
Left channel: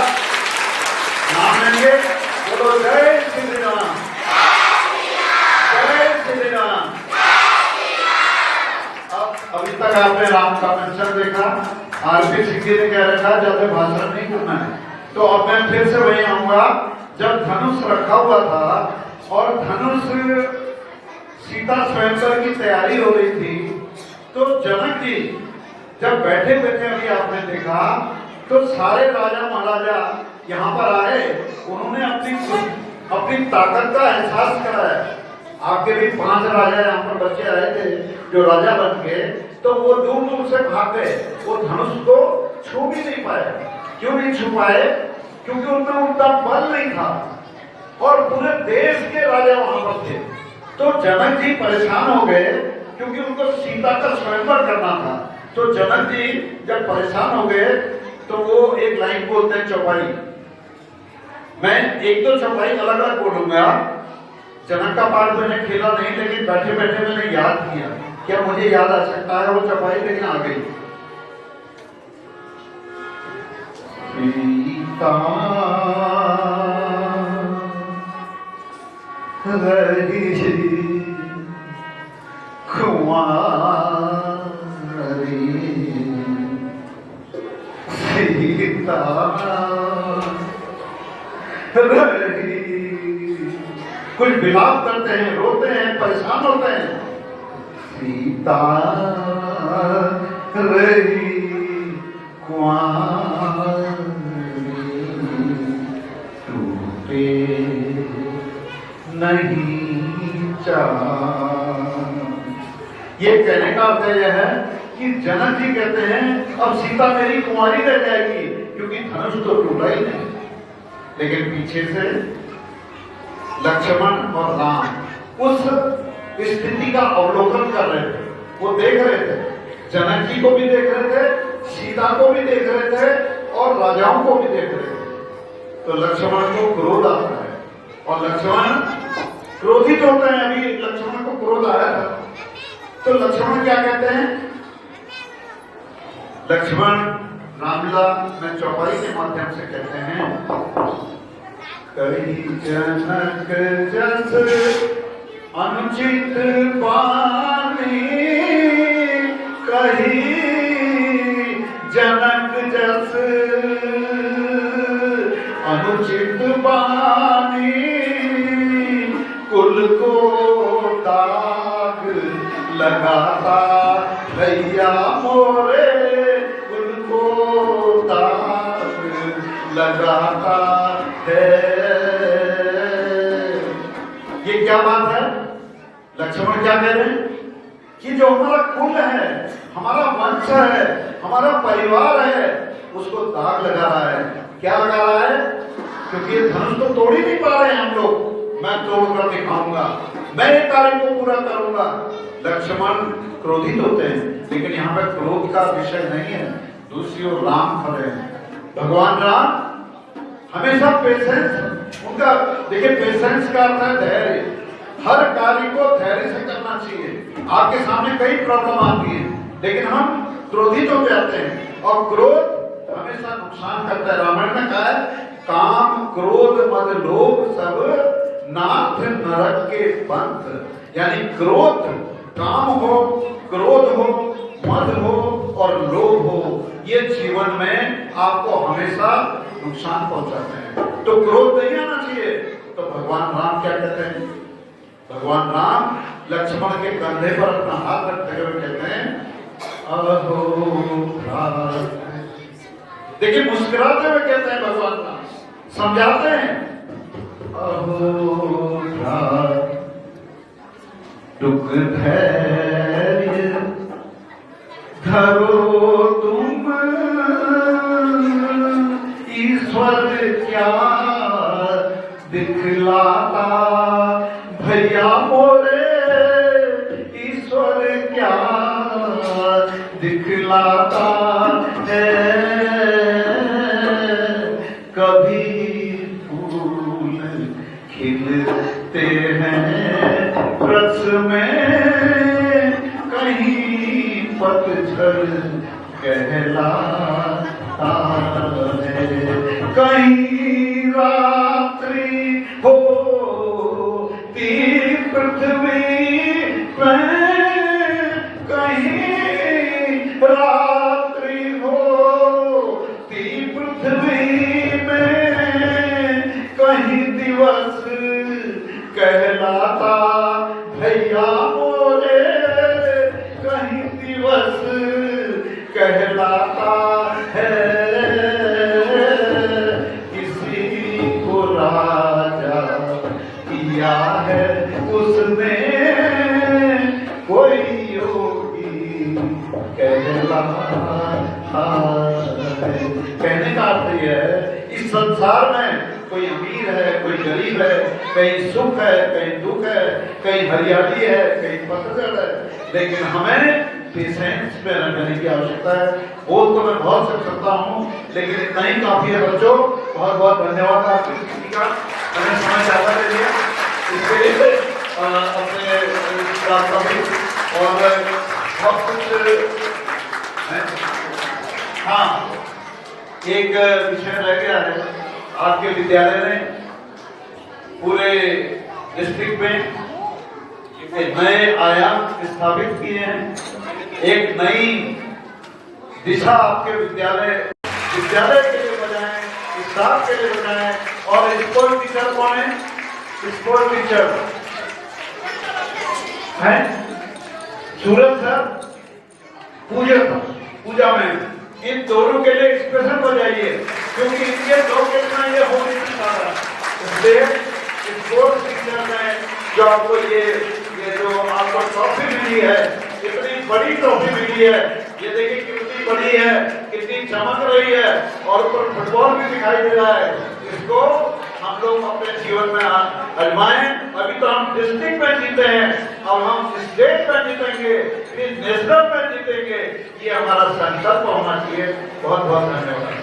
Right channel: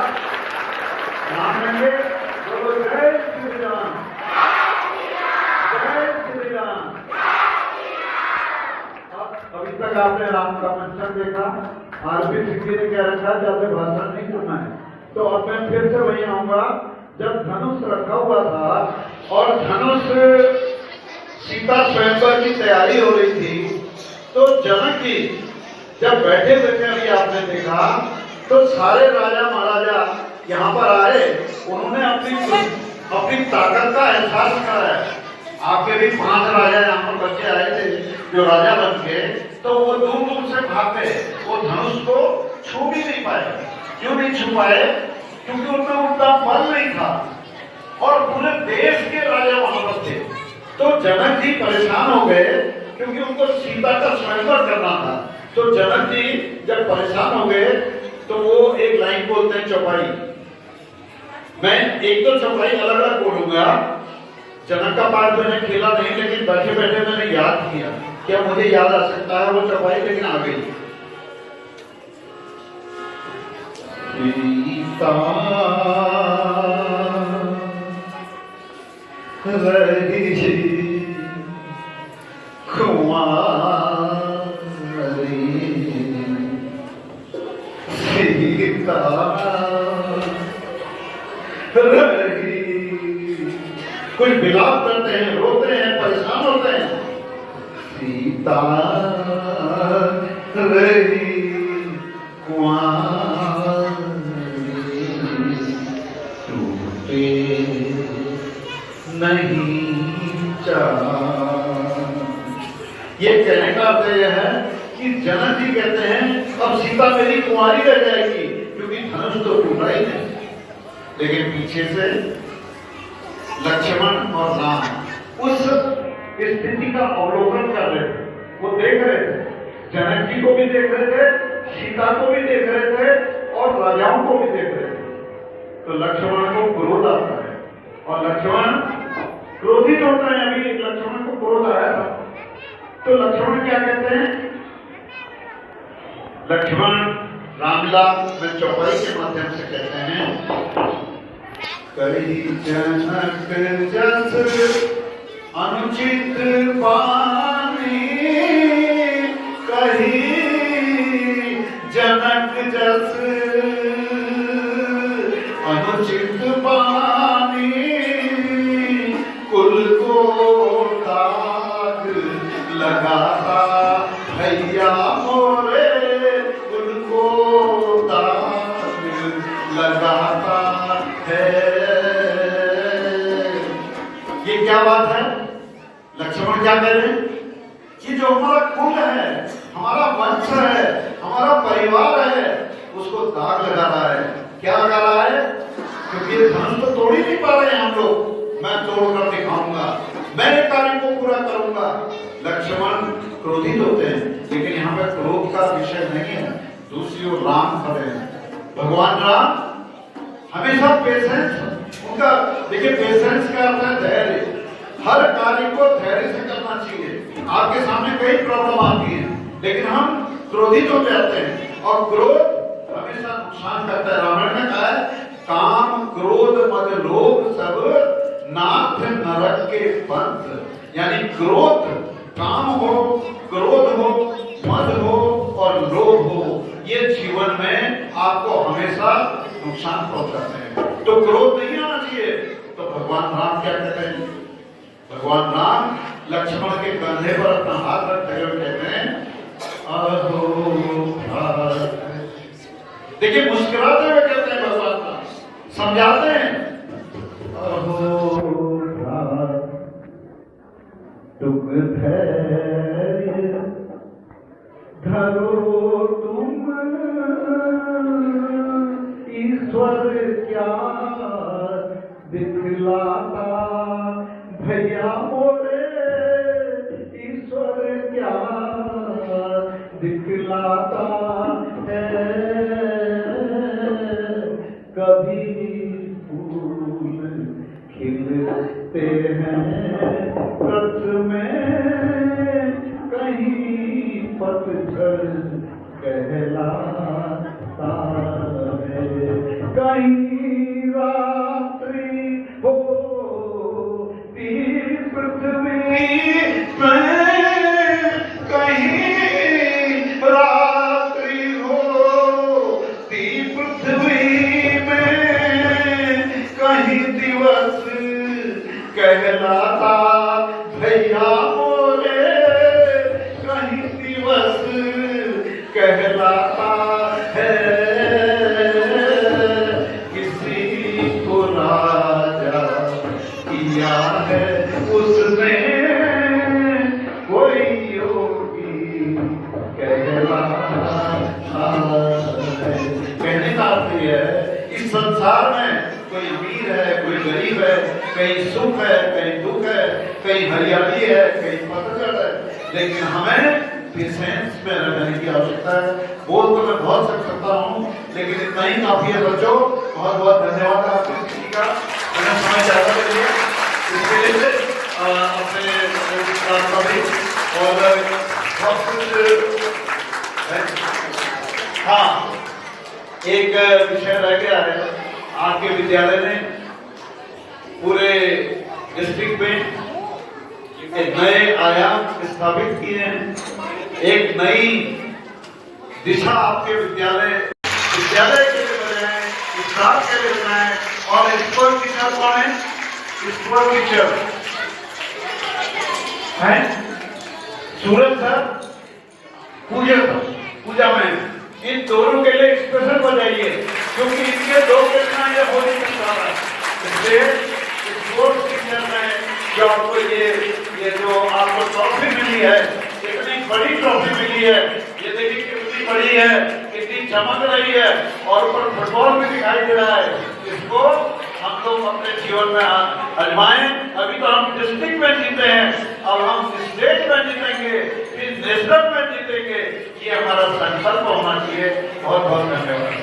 नाम लेंगे। बोलो जय श्री राम, जय श्री राम। अब अभी तक आपने राम का मंचन देखा। आरपी सिंह जी ने कह रखा ज्यादा भाषण नहीं करना है, तो अब मैं फिर से वही आऊंगा। जब धनुष रखा हुआ था और धनुष सीता स्वयंवर की तैयारी हो रही थी, तो जनक जी जब बैठे हुए थे, अभी आपने देखा, तो सारे राजा महाराजा यहाँ पर आए। उन्होंने अपनी ताकत का एहसास कराया। आपके भी 5 राजा यहाँ पर बच्चे आए थे जो राजा बन के, तो वो दूर दूर से भाग गए। वो धनुष को छू भी नहीं पाए। क्यों नहीं छू पाए? क्योंकि उनमें उनका बल नहीं था और पूरे देश के राजा वहां पर थे। तो जनक जी परेशान हो गए क्योंकि उनको सीता का स्वयंवर करना था। तो जनक जी जब परेशान हो गए तो वो एक लाइन बोलते हैं, चौपाई। मैं एक दो चौपाई अलग अलग बोलूंगा। जनक का पाठ मैंने खेला नहीं, लेकिन बैठे बैठे मैंने याद किया। क्या मुझे याद आ सकता है वो चौपाई? लेकिन आ गई। सीता रही कुंवारी, सीता रही। कुछ विलाप करते हैं, रोते हैं, परेशान होते हैं। सीता रही कुंवारी, टूटे नहीं चाँद। ये कहने का अर्थ यह है कि जनक जी कहते हैं अब सीता मेरी कुंवारी रह जाएगी, क्योंकि धनुष तो टूटा ही नहीं। लेकिन पीछे से लक्ष्मण और राम उस स्थिति का अवलोकन कर रहे थे, वो देख रहे थे, जनक जी को भी देख रहे थे, सीता को भी देख रहे थे और राजाओं को भी देख रहे थे। तो लक्ष्मण को क्रोध आता है और लक्ष्मण क्रोधित होते हैं। अभी लक्ष्मण को क्रोध आया था, तो लक्ष्मण क्या कहते हैं? लक्ष्मण रामलीला में चौपाई के माध्यम से कहते हैं, कही जनक जस अनुचित बानी, कही जनक जस अनुचित बानी, कुल को दाग लगाता भैया मोरे, कुल को दाग लगाता है। ये क्या बात है? लक्ष्मण क्या कह रहे हैं कि जो हमारा कुल है, हमारा वंश है, हमारा परिवार है, उसको दाग लगा रहा है। क्या लगा रहा है? क्योंकि ये धनुष तो तोड़ ही नहीं पा रहे हैं हम लोग, मैं तोड़कर दिखाऊंगा, मैं ये कार्य को पूरा करूंगा। लक्ष्मण क्रोधित होते हैं, लेकिन यहाँ पे क्रोध का विषय नहीं है। दूसरी ओर राम खड़े हैं, भगवान राम हमेशा पेशेंस उनका, देखिए पेशेंस का अर्थ है धैर्य। हर कार्य को धैर्य से करना चाहिए। आपके सामने कई प्रॉब्लम आती है, लेकिन हम क्रोधित हो जाते हैं और क्रोध हमेशा नुकसान करता है। रामायण ने कहा है, काम क्रोध मद लोभ सब नाथ नरक के पंथ। यानी क्रोध, काम हो, क्रोध हो, मद हो और लोभ हो, ये जीवन में आपको हमेशा नुकसान पहुंचाते हैं। तो क्रोध नहीं आना चाहिए। तो भगवान राम क्या कहते हैं? भगवान राम लक्ष्मण के कंधे पर अपना हाथ रखते हुए कहते हैं, अहो भ्रात। देखिए मुस्कुराते हुए कहते हैं भगवान राम, समझाते हैं, अहो भ्रात टुक धैर्य धरो तुम, ईश्वर क्या दिखलाता भैया मोरे, ईश्वर क्या दिखलाता है। कभी फूल खिलते हैं रस में, कहीं पतझड़ कहलाता है। कहीं रात्रि होती पृथ्वी में, कहीं रात्रि होती पृथ्वी में, कहीं दिवस कहलाता भैया मोरे, कहीं दिवस कहलाता है। किसी को राजा किया है उसने, कोई योगी कहलाता है। कहने का अर्थ यह है, इस संसार में कोई अमीर है, कोई गरीब है, कहीं सुख है, कहीं दुख है, कहीं हरियाली है, कहीं पतझड़ है, लेकिन हमें पेशेंस में रहने की आवश्यकता है। बोल तो मैं बहुत कर सकता हूँ, लेकिन इतना ही काफी है बच्चों। बहुत बहुत धन्यवाद आपकी किसी का, मैंने समय ज्यादा ले लिया इसके लिए अपने और बहुत कुछ। हाँ, एक विषय रह गया है, आपके विद्यालय ने पूरे डिस्ट्रिक्ट में एक नए आयाम स्थापित किए हैं, एक नई दिशा आपके विद्यालय के लिए बनाए, स्टाफ के लिए बनाए। और स्पोर्ट टीचर कौन है? स्पोर्ट टीचर है सूरज सर, पूजा में इन दोनों के लिए स्पेशल बजाइए, क्योंकि इनके दो के बिना ये हो नहीं सकता। इसलिए इस दो सिंगर में जो आपको ये जो आपको ट्रॉफी मिली है, इतनी बड़ी ट्रॉफी मिली है, ये देखिए कितनी बड़ी है, कितनी चमक रही है और ऊपर फुटबॉल भी दिखाई दे रहा है। इसको हम लोग अपने जीवन में आजमाएं। अभी तो हम डिस्ट्रिक्ट में जीते हैं, अब हम स्टेट में जीतेंगे, फिर नेशनल में जीतेंगे। ये हमारा संकल्प होना चाहिए। बहुत बहुत धन्यवाद।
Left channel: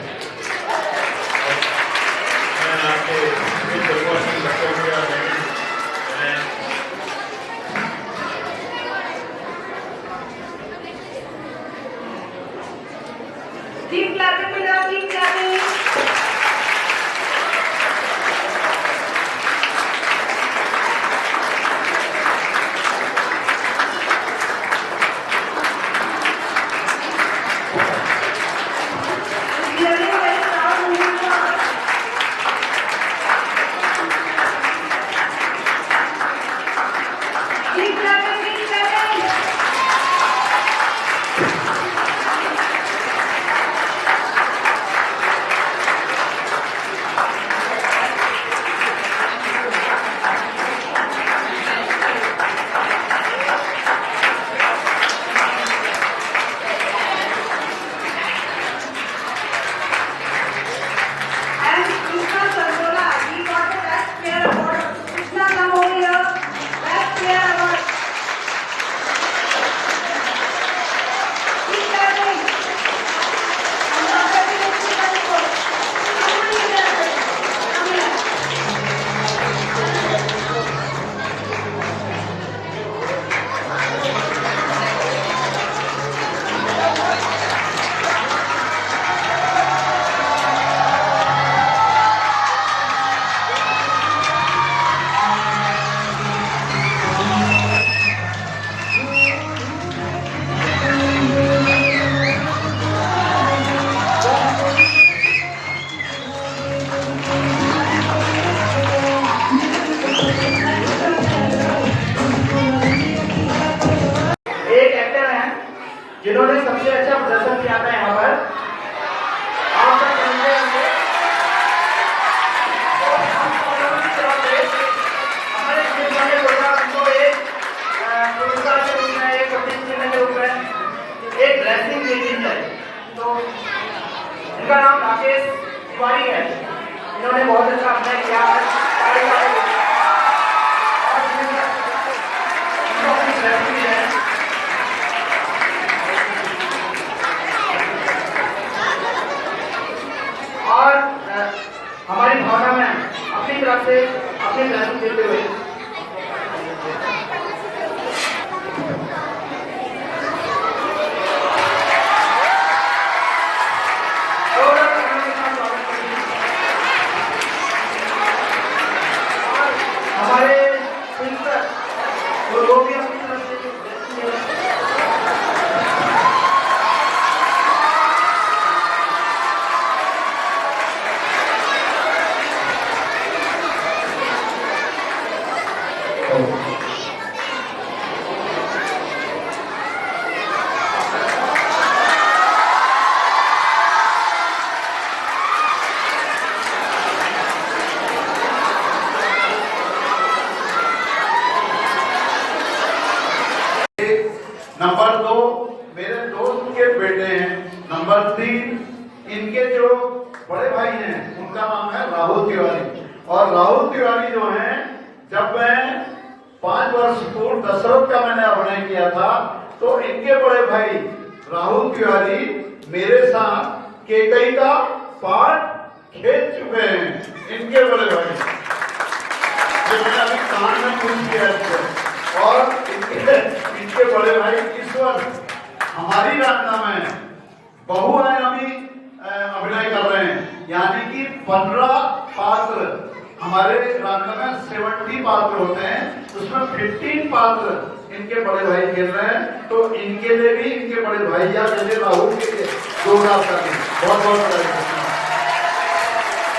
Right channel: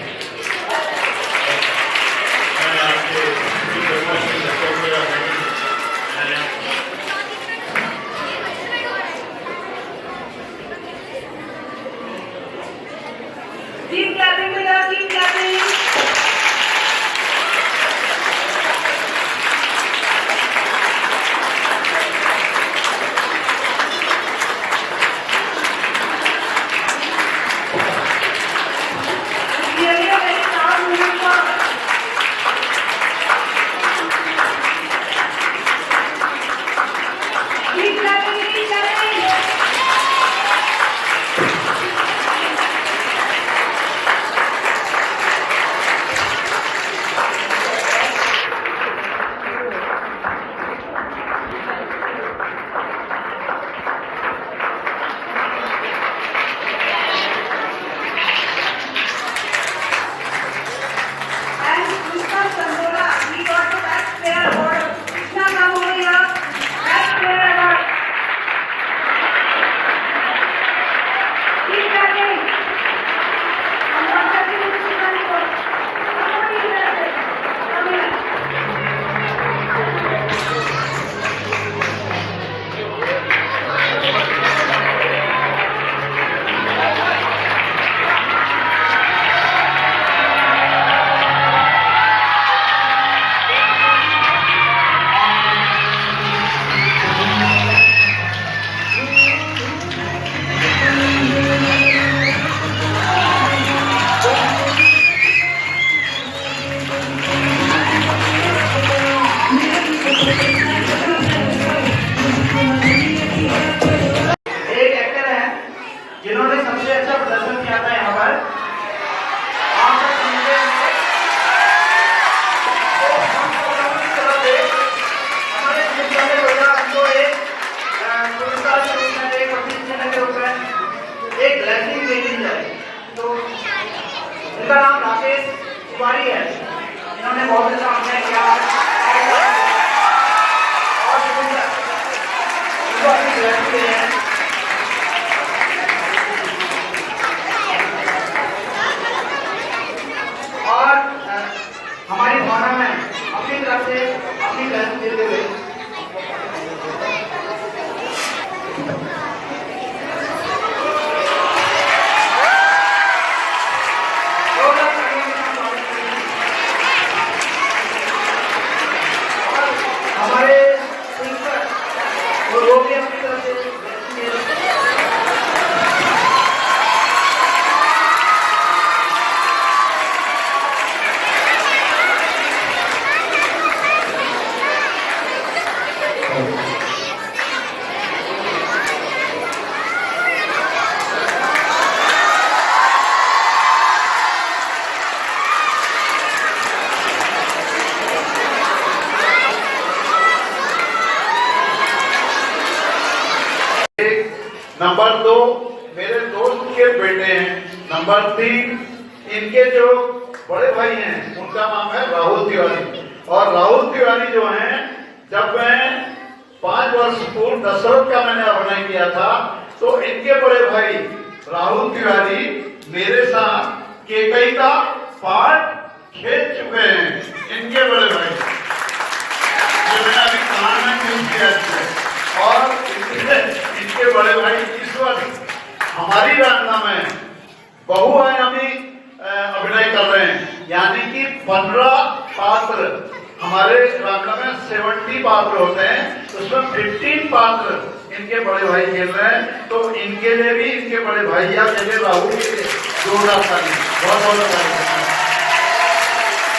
Keep clapping with us, keep clapping. Really a very proud moment for us. Keep clapping, keep clapping. And Krishna Chandra, he got the best player award. Krishna, come over here. Best player award. Keep clapping. I'm not clapping with Krishna anymore. Somebody clap it. Come here. एक actor है जिन्होंने सबसे अच्छा प्रदर्शन किया था यहाँ पर। आप सब सुनते होंगे। तो हम परमानेंट तौर पे हमारे देश वाले लोग उनको एक पुरस्कार के रूप में, एक अभिनंदन के रूप में एक रैंकिंग देनी है। तो इनका नाम राकेश तिवारी है। इन्होंने बहुत अच्छा अभिनय किया और इनको अपनी रैंकिंग है। और हमारी भावना में अपनी तरफ से अपनी ग्रहण देते हुए हमारे सिंगर वो भी अपनी तरफ से नंबर 2 मेरे दोस्त के बेटे हैं। नंबर 3 इनके जो बड़े भाई हैं उनका नाम है राहुल तिवारी। और राहुल तिवारी जो हैं, जब मैं 5 वर्ष पूर्व दशरथ का मैंने अभिनय किया था, तो इनके बड़े भाई राहुल तिवारी मेरे साथ केकई का पार्ट खेल चुके हैं। इनके बड़े भाई जो मैंने अभी कान में यूज किया है। और इनके बड़े भाई इस वर्ष हमारी रांगना में बहुआयामी अभिनय कर रहे हैं, यानी कि 15 पात्र। हमारे रांगना में 70 पात्र होते हैं, उसमें 15 पात्र इनके बड़े भाई खेल रहे हैं। तो इनके लिए भी, इनके बड़े भाई या राहुल के लिए जोरदार ताली। बहुत बहुत